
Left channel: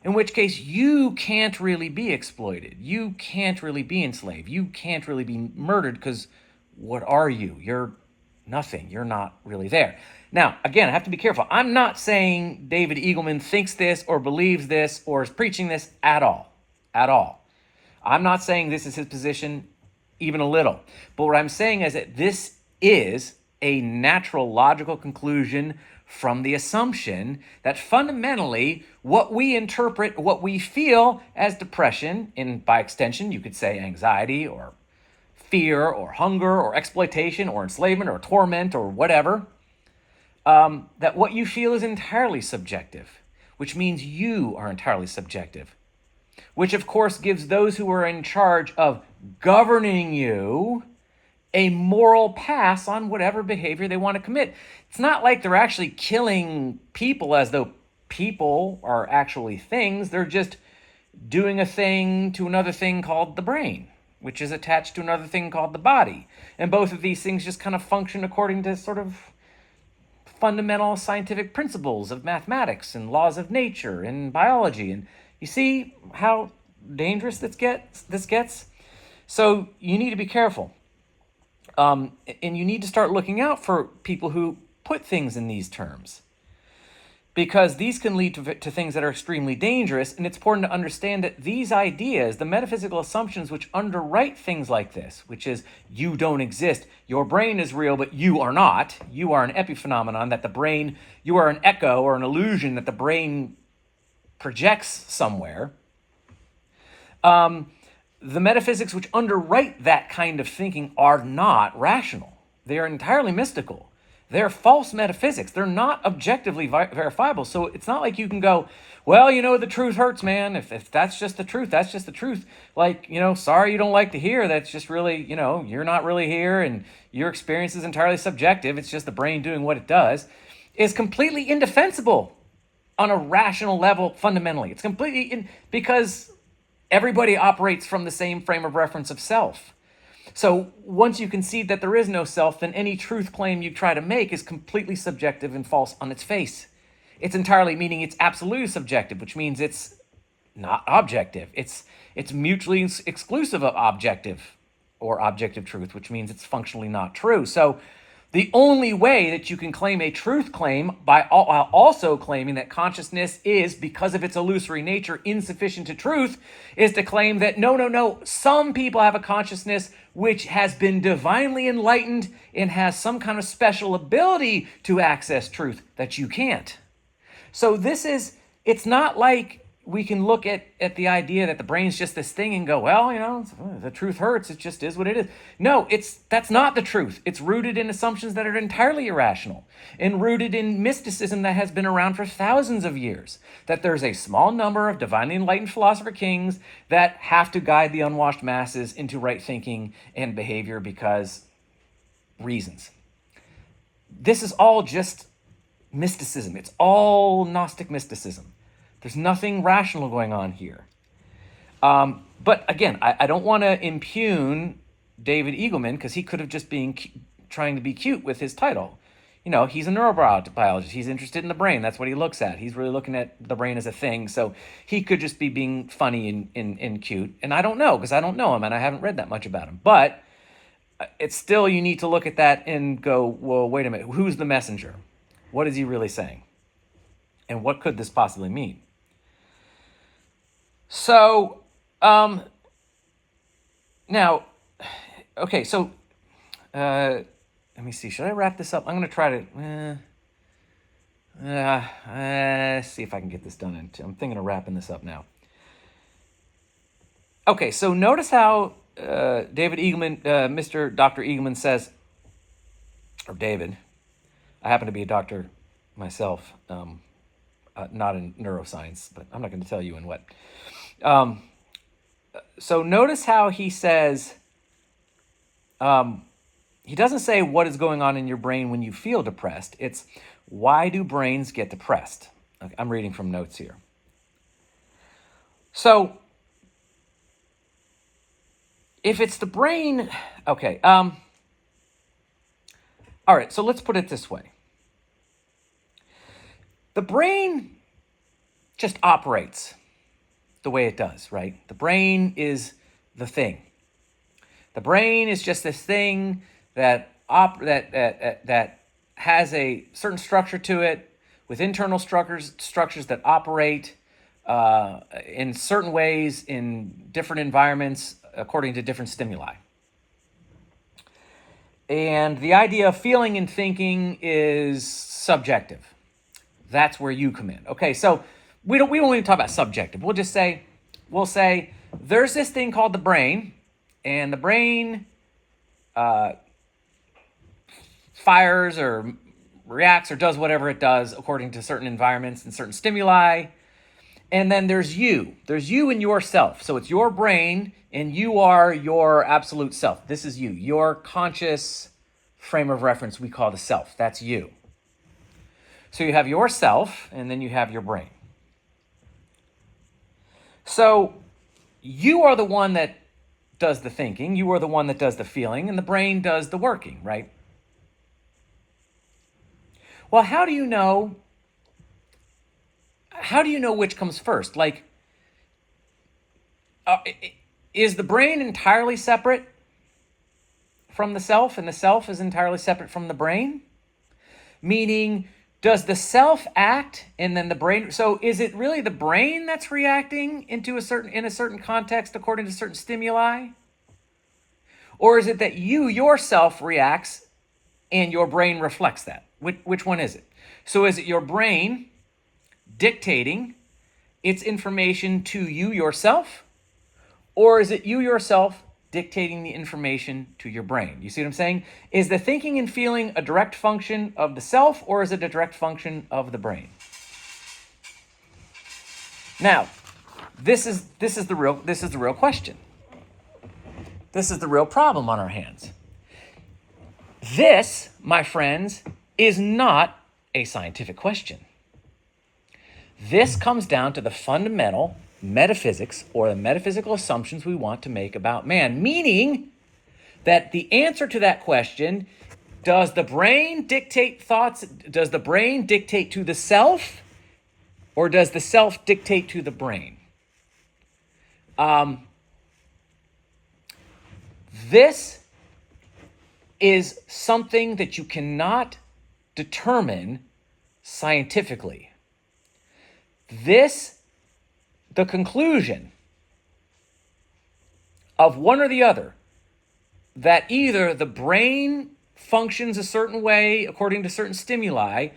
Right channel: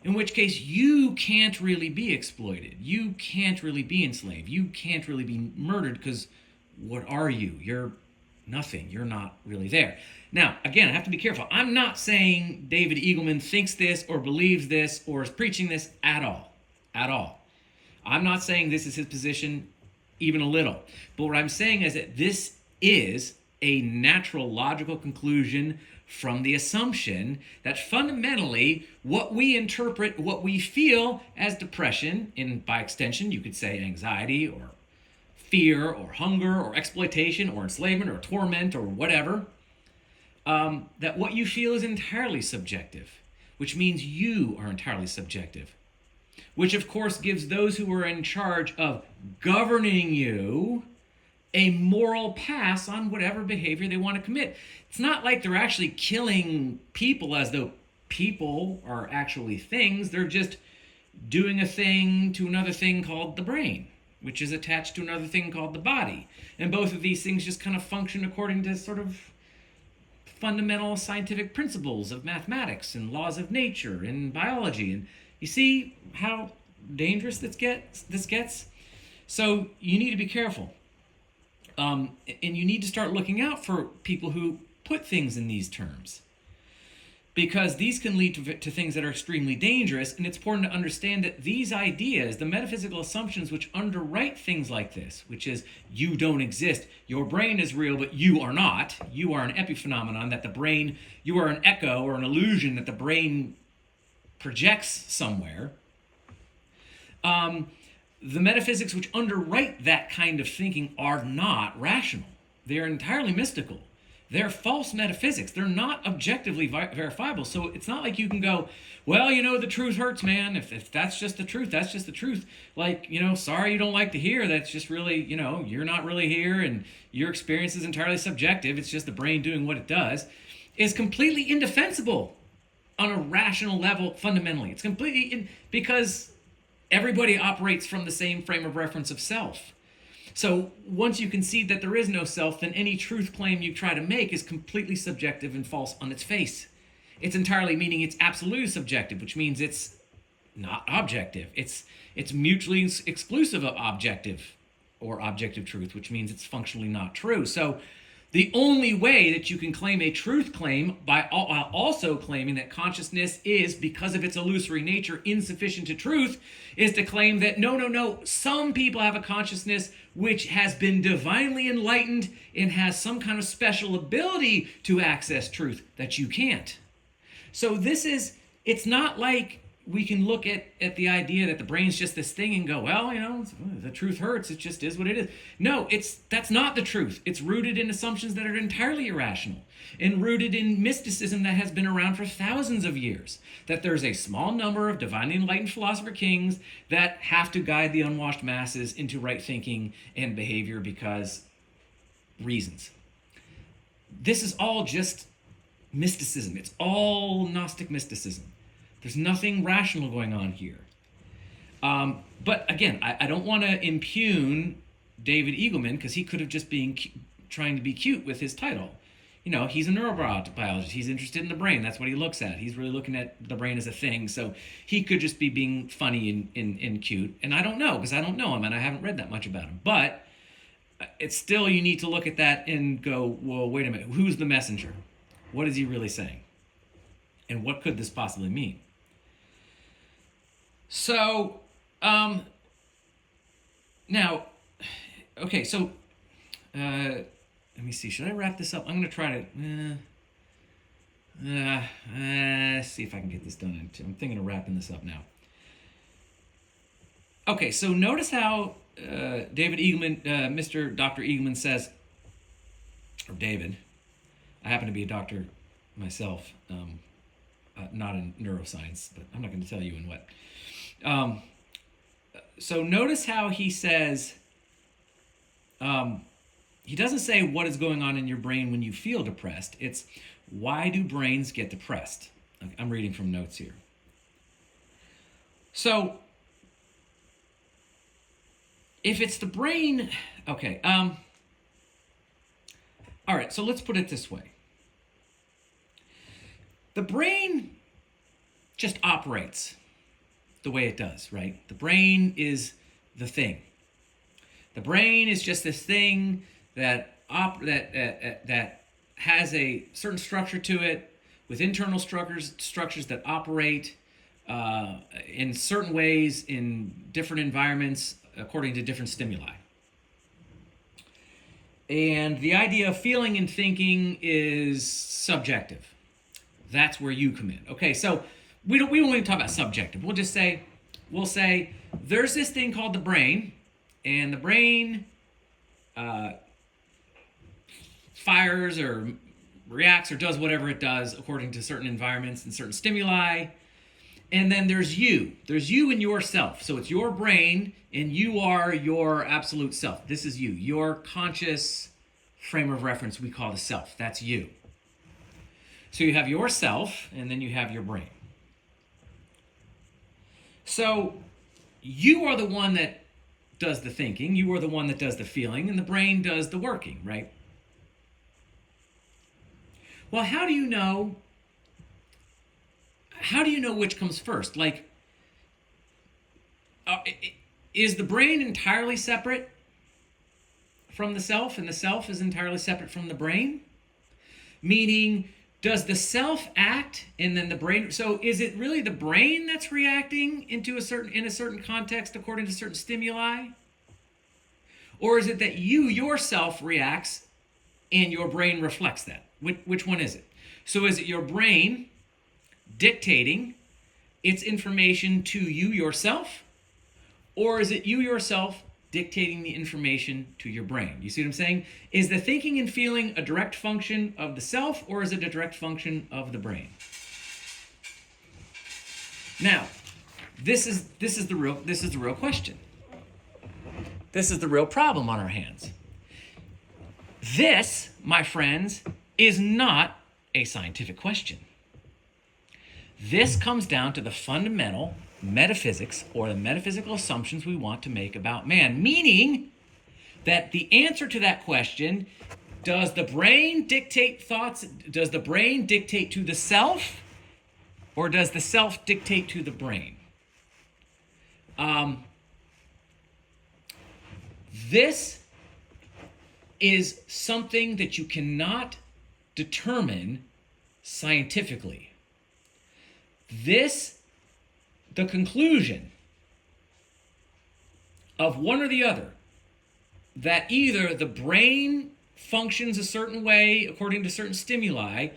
In which case, you can't really be exploited. You can't really be enslaved. You can't really be murdered, because what are you? You're nothing. You're not really there. Now, again, I have to be careful. I'm not saying David Eagleman thinks this or believes this or is preaching this at all. At all. I'm not saying this is his position even a little. But what I'm saying is that this is a natural, logical conclusion from the assumption that fundamentally what we interpret, what we feel as depression, and by extension you could say anxiety or fear or hunger or exploitation or enslavement or torment or whatever, that what you feel is entirely subjective, which means you are entirely subjective, which of course gives those who are in charge of governing you a moral pass on whatever behavior they want to commit. It's not like they're actually killing people as though people are actually things. They're just doing a thing to another thing called the brain, which is attached to another thing called the body. And both of these things just kind of function according to sort of fundamental scientific principles of mathematics and laws of nature and biology. And you see how dangerous this gets? So you need to be careful. And you need to start looking out for people who put things in these terms, because these can lead to things that are extremely dangerous. And it's important to understand that these ideas, the metaphysical assumptions which underwrite things like this, which is you don't exist, your brain is real, but you are not. You are an epiphenomenon, that the brain, you are an echo or an illusion that the brain projects somewhere. The metaphysics which underwrite that kind of thinking are not rational. They are entirely mystical. They're false metaphysics. They're not objectively verifiable. So it's not like you can go, well, the truth hurts, man. If that's just the truth, that's just the truth. Like, sorry you don't like to hear. That's just really, you're not really here, and your experience is entirely subjective. It's just the brain doing what it does. Is completely indefensible on a rational level fundamentally. It's completely because everybody operates from the same frame of reference of self. So once you concede that there is no self, then any truth claim you try to make is completely subjective and false on its face. It's entirely, meaning it's absolutely subjective, which means it's not objective. It's mutually exclusive of objective or objective truth, which means it's functionally not true. So the only way that you can claim a truth claim while also claiming that consciousness is, because of its illusory nature, insufficient to truth, is to claim that no, some people have a consciousness which has been divinely enlightened and has some kind of special ability to access truth that you can't. So it's not like we can look at the idea that the brain's just this thing and go, well, the truth hurts, it just is what it is. No, that's not the truth. It's rooted in assumptions that are entirely irrational and rooted in mysticism that has been around for thousands of years, that there's a small number of divinely enlightened philosopher kings that have to guide the unwashed masses into right thinking and behavior because reasons. This is all just mysticism. It's all Gnostic mysticism. There's nothing rational going on here. But again, I don't want to impugn David Eagleman, because he could have just been trying to be cute with his title. He's a neurobiologist. He's interested in the brain. That's what he looks at. He's really looking at the brain as a thing. So he could just be being funny and cute. And I don't know, because I don't know him and I haven't read that much about him. But it's still, you need to look at that and go, well, wait a minute. Who's the messenger? What is he really saying? And what could this possibly mean? So, now, okay, so let me see. Should I wrap this up? I'm going to try to see if I can get this done. I'm thinking of wrapping this up now. Okay, so notice how David Eagleman, Mr. Dr. Eagleman says, or David, I happen to be a doctor myself, not in neuroscience, but I'm not going to tell you in what. So notice how he says, he doesn't say what is going on in your brain when you feel depressed. It's why do brains get depressed? I'm reading from notes here. So if it's the brain, okay. All right, so let's put it this way. The brain just operates the way it does, right? The brain is the thing. The brain is just this thing that has a certain structure to it, with internal structures that operate in certain ways in different environments according to different stimuli. And the idea of feeling and thinking is subjective. That's where you come in. Okay, so we won't even talk about subjective. We'll say there's this thing called the brain, and the brain fires or reacts or does whatever it does according to certain environments and certain stimuli. And then there's you. There's you and yourself. So it's your brain, and you are your absolute self. This is you. Your conscious frame of reference we call the self. That's you. So you have yourself, and then you have your brain. So you are the one that does the thinking. You are the one that does the feeling, and the brain does the working, right? Well, how do you know which comes first? Like, is the brain entirely separate from the self, and the self is entirely separate from the brain? Meaning, does the self act and then the brain? So is it really the brain that's reacting in a certain context according to certain stimuli? Or is it that you yourself reacts and your brain reflects that? Which one is it? So is it your brain dictating its information to you yourself? Or is it you yourself dictating the information to your brain? You see what I'm saying? Is the thinking and feeling a direct function of the self, or is it a direct function of the brain? Now, this is the real question. This is the real problem on our hands. This, my friends, is not a scientific question. This comes down to the fundamental metaphysics, or the metaphysical assumptions we want to make about man, meaning that the answer to that question, does the brain dictate thoughts? Does the brain dictate to the self, or does the self dictate to the brain? This is something that you cannot determine scientifically. The conclusion of one or the other, that either the brain functions a certain way according to certain stimuli,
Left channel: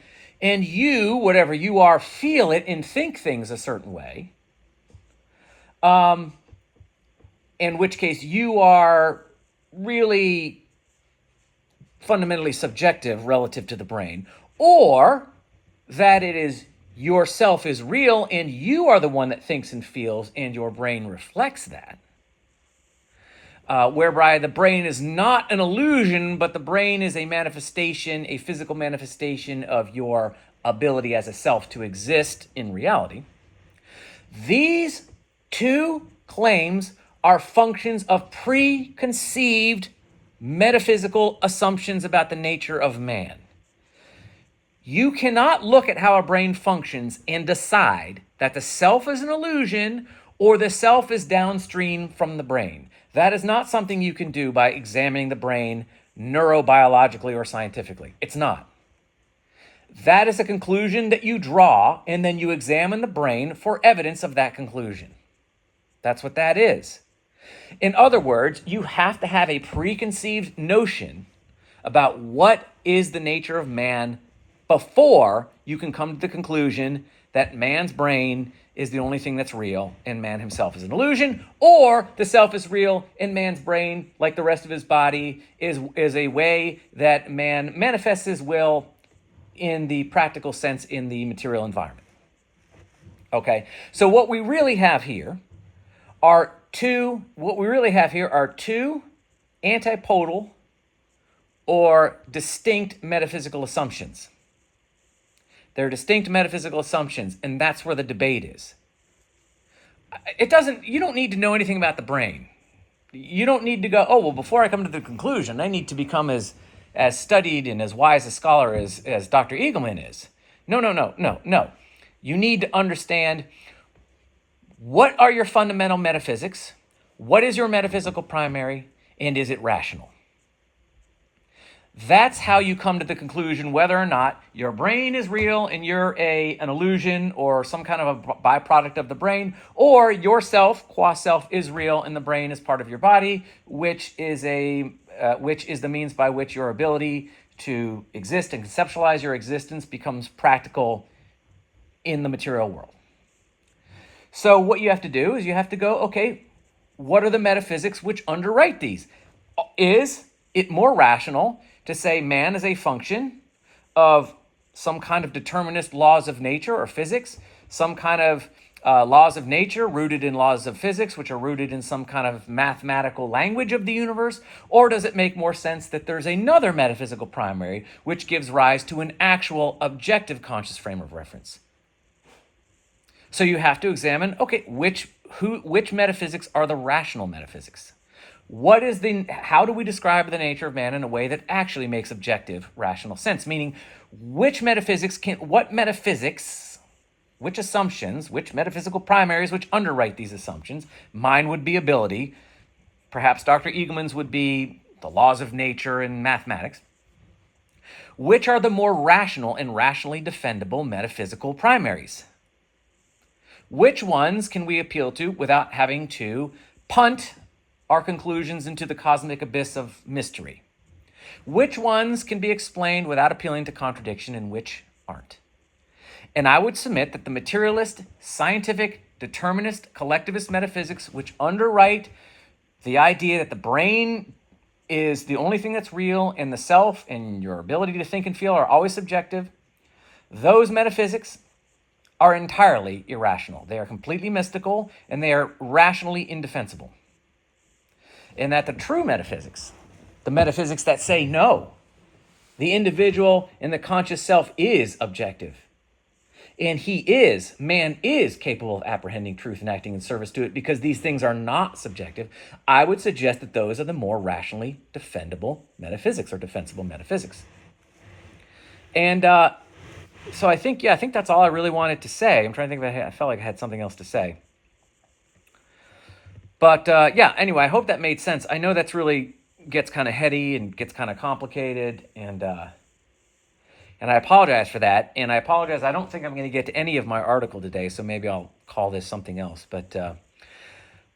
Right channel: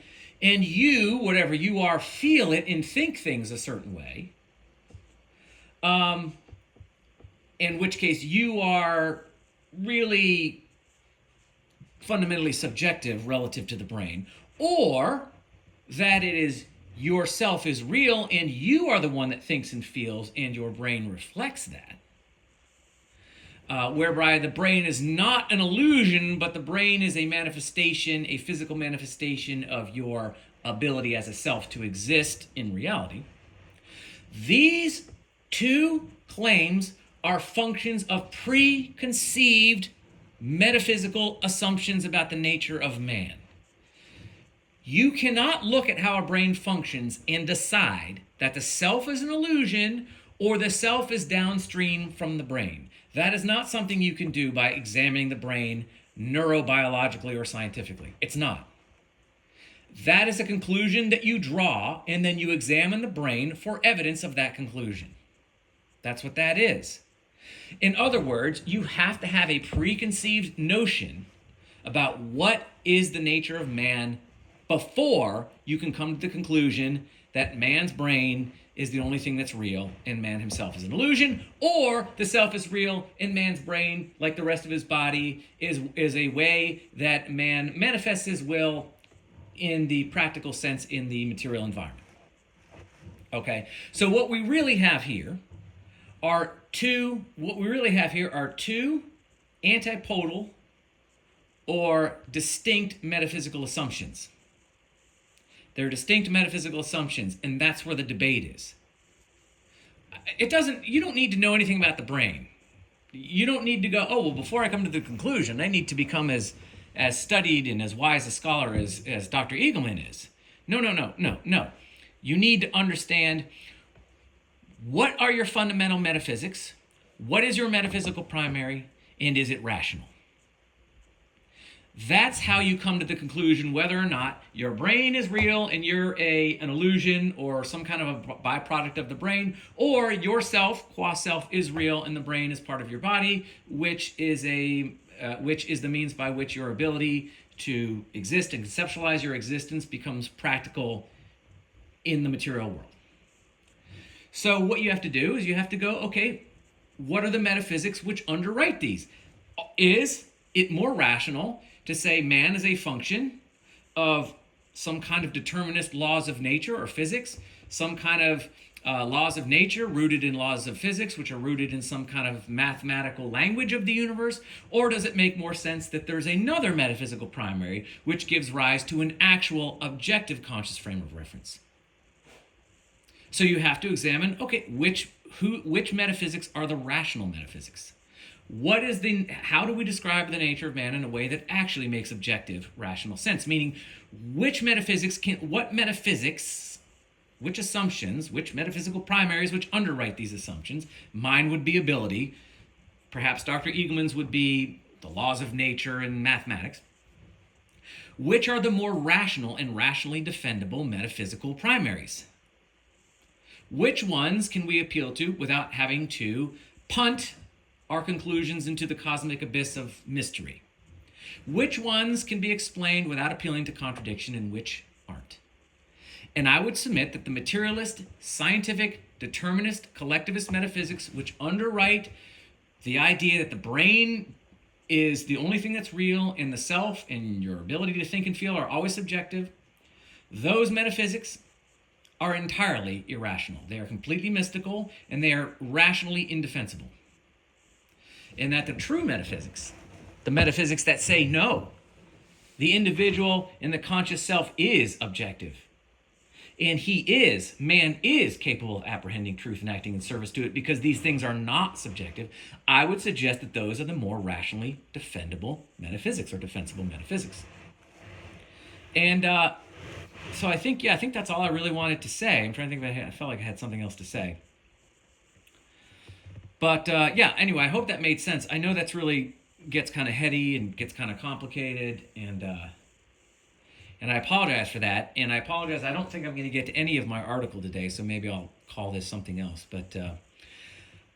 and you, whatever you are, feel it and think things a certain way, in which case you are really fundamentally subjective relative to the brain, or that it is yourself is real and you are the one that thinks and feels and your brain reflects that. Whereby the brain is not an illusion, but the brain is a manifestation, a physical manifestation of your ability as a self to exist in reality. These two claims are functions of preconceived metaphysical assumptions about the nature of man. You cannot look at how a brain functions and decide that the self is an illusion or the self is downstream from the brain. That is not something you can do by examining the brain neurobiologically or scientifically. It's not. That is a conclusion that you draw, and then you examine the brain for evidence of that conclusion. That's what that is. In other words, you have to have a preconceived notion about what is the nature of man before you can come to the conclusion that man's brain is the only thing that's real and man himself is an illusion, or the self is real and man's brain, like the rest of his body, is a way that man manifests his will in the practical sense in the material environment. Okay, so what we really have here are two antipodal or distinct metaphysical assumptions. They're distinct metaphysical assumptions, and that's where the debate is. You don't need to know anything about the brain. You don't need to go, oh, well, before I come to the conclusion, I need to become as studied and as wise a scholar as Dr. Eagleman is. No. You need to understand, what are your fundamental metaphysics? What is your metaphysical primary? And is it rational? That's how you come to the conclusion whether or not your brain is real and you're an illusion or some kind of a byproduct of the brain, or yourself, qua self, is real and the brain is part of your body, which is the means by which your ability to exist and conceptualize your existence becomes practical in the material world. So what you have to do is you have to go, okay, what are the metaphysics which underwrite these? Is it more rational to say man is a function of some kind of determinist laws of nature or physics, some kind of laws of nature rooted in laws of physics, which are rooted in some kind of mathematical language of the universe? Or does it make more sense that there's another metaphysical primary which gives rise to an actual objective conscious frame of reference? So you have to examine, okay, which metaphysics are the rational metaphysics? How do we describe the nature of man in a way that actually makes objective rational sense? Meaning, which assumptions, which metaphysical primaries which underwrite these assumptions? Mine would be ability. Perhaps Dr. Eagleman's would be the laws of nature and mathematics. Which are the more rational and rationally defendable metaphysical primaries? Which ones can we appeal to without having to punt our conclusions into the cosmic abyss of mystery? Which ones can be explained without appealing to contradiction and which aren't? And I would submit that the materialist, scientific, determinist, collectivist metaphysics, which underwrite the idea that the brain is the only thing that's real and the self and your ability to think and feel are always subjective, those metaphysics are entirely irrational. They are completely mystical and they are rationally indefensible. And that the true metaphysics, the metaphysics that say no, the individual and the conscious self is objective. And man is capable of apprehending truth and acting in service to it, because these things are not subjective. I would suggest that those are the more rationally defendable metaphysics or defensible metaphysics. And so I think that's all I really wanted to say. I'm trying to think if I felt like I had something else to say. But anyway, I hope that made sense. I know that's really gets kind of heady and gets kind of complicated, and I apologize for that. And I apologize, I don't think I'm going to get to any of my article today, so maybe I'll call this something else. But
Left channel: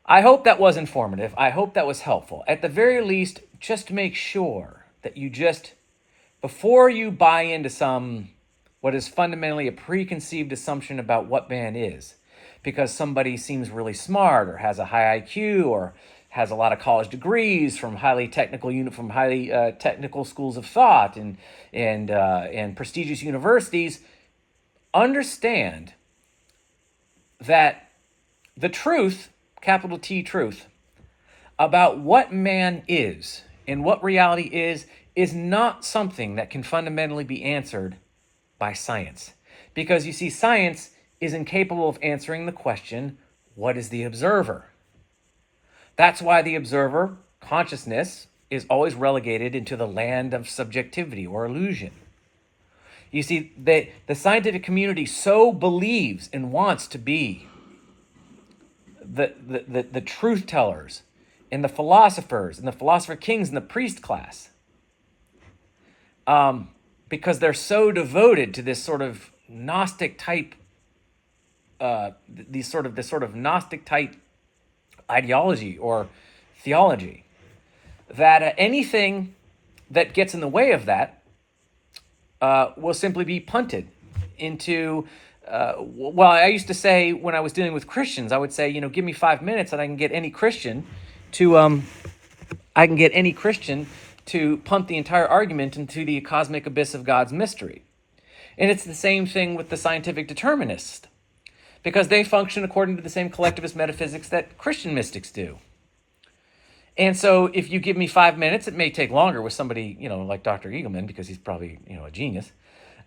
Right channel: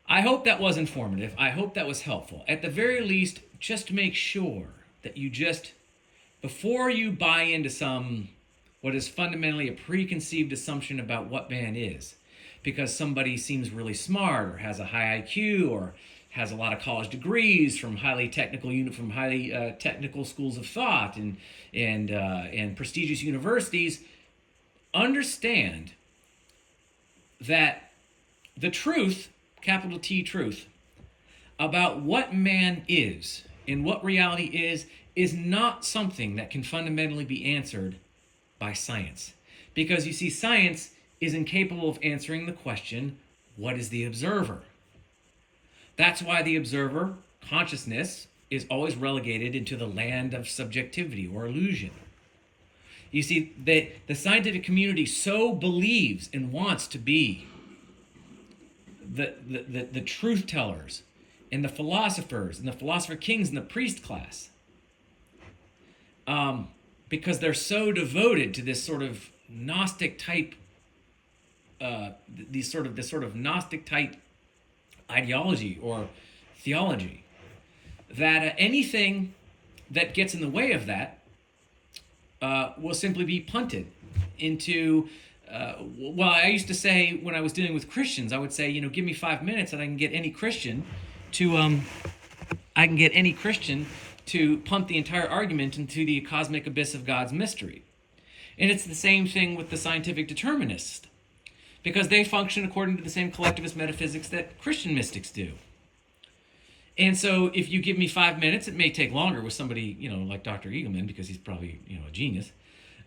I hope that was informative. I hope that was helpful. At the very least, just make sure that before you buy into what is fundamentally a preconceived assumption about what man is, because somebody seems really smart or has a high IQ or has a lot of college degrees from highly technical schools of thought and prestigious universities, understand that the truth, capital T truth, about what man is and what reality is not something that can fundamentally be answered by science. Because you see, science is incapable of answering the question, what is the observer? That's why the observer, consciousness, is always relegated into the land of subjectivity or illusion. You see, the scientific community so believes and wants to be the truth tellers and the philosophers and the philosopher kings and the priest class. because they're so devoted to this sort of Gnostic type, this sort of Gnostic type ideology or theology, that anything that gets in the way of that will simply be punted into. Well, I used to say when I was dealing with Christians, I would say, give me 5 minutes and I can get any Christian to punt the entire argument into the cosmic abyss of God's mystery. And it's the same thing with the scientific determinists, because they function according to the same collectivist metaphysics that Christian mystics do. And so if you give me 5 minutes, it may take longer with somebody, like Dr. Eagleman, because he's probably, a genius.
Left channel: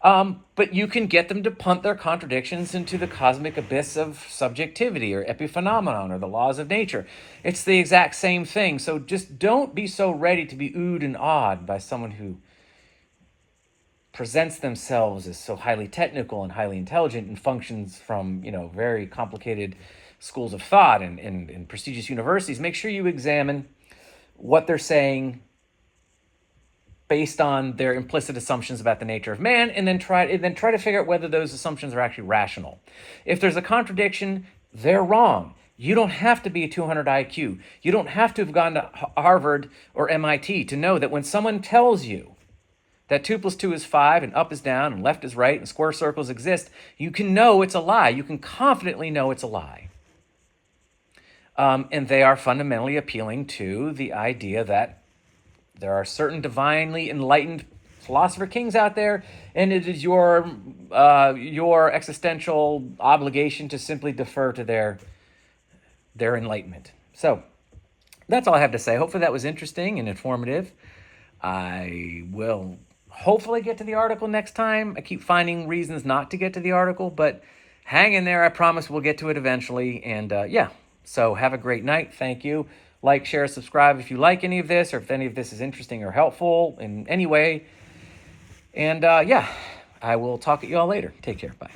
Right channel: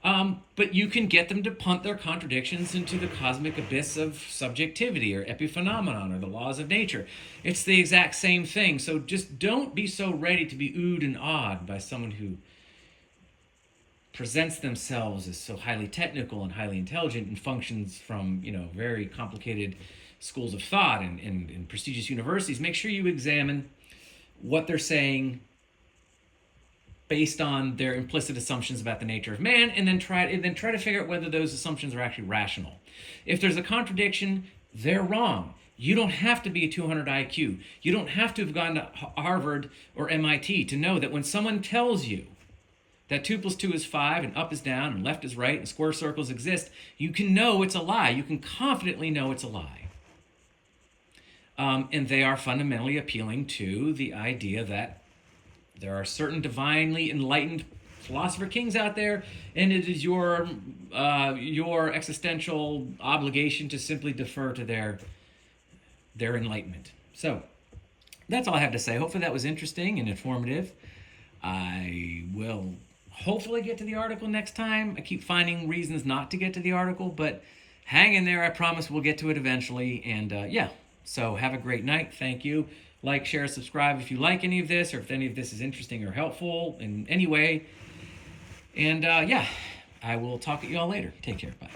But you can get them to punt their contradictions into the cosmic abyss of subjectivity or epiphenomenon or the laws of nature. It's the exact same thing. So just don't be so ready to be oohed and awed by someone who presents themselves as so highly technical and highly intelligent and functions from, very complicated schools of thought and prestigious universities. Make sure you examine what they're saying based on their implicit assumptions about the nature of man, and then try to figure out whether those assumptions are actually rational. If there's a contradiction, they're wrong. You don't have to be a 200 IQ. You don't have to have gone to Harvard or MIT to know that when someone tells you that 2 + 2 is 5, and up is down, and left is right, and square circles exist, you can know it's a lie. You can confidently know it's a lie. And they are fundamentally appealing to the idea that there are certain divinely enlightened philosopher kings out there, and it is your existential obligation to simply defer to their enlightenment. So that's all I have to say. Hopefully that was interesting and informative. I will hopefully get to the article next time. I keep finding reasons not to get to the article, but hang in there. I promise we'll get to it eventually. And so have a great night. Thank you. Like, share, subscribe if you like any of this, or if any of this is interesting or helpful in any way. And I will talk at you all later. Take care. Bye.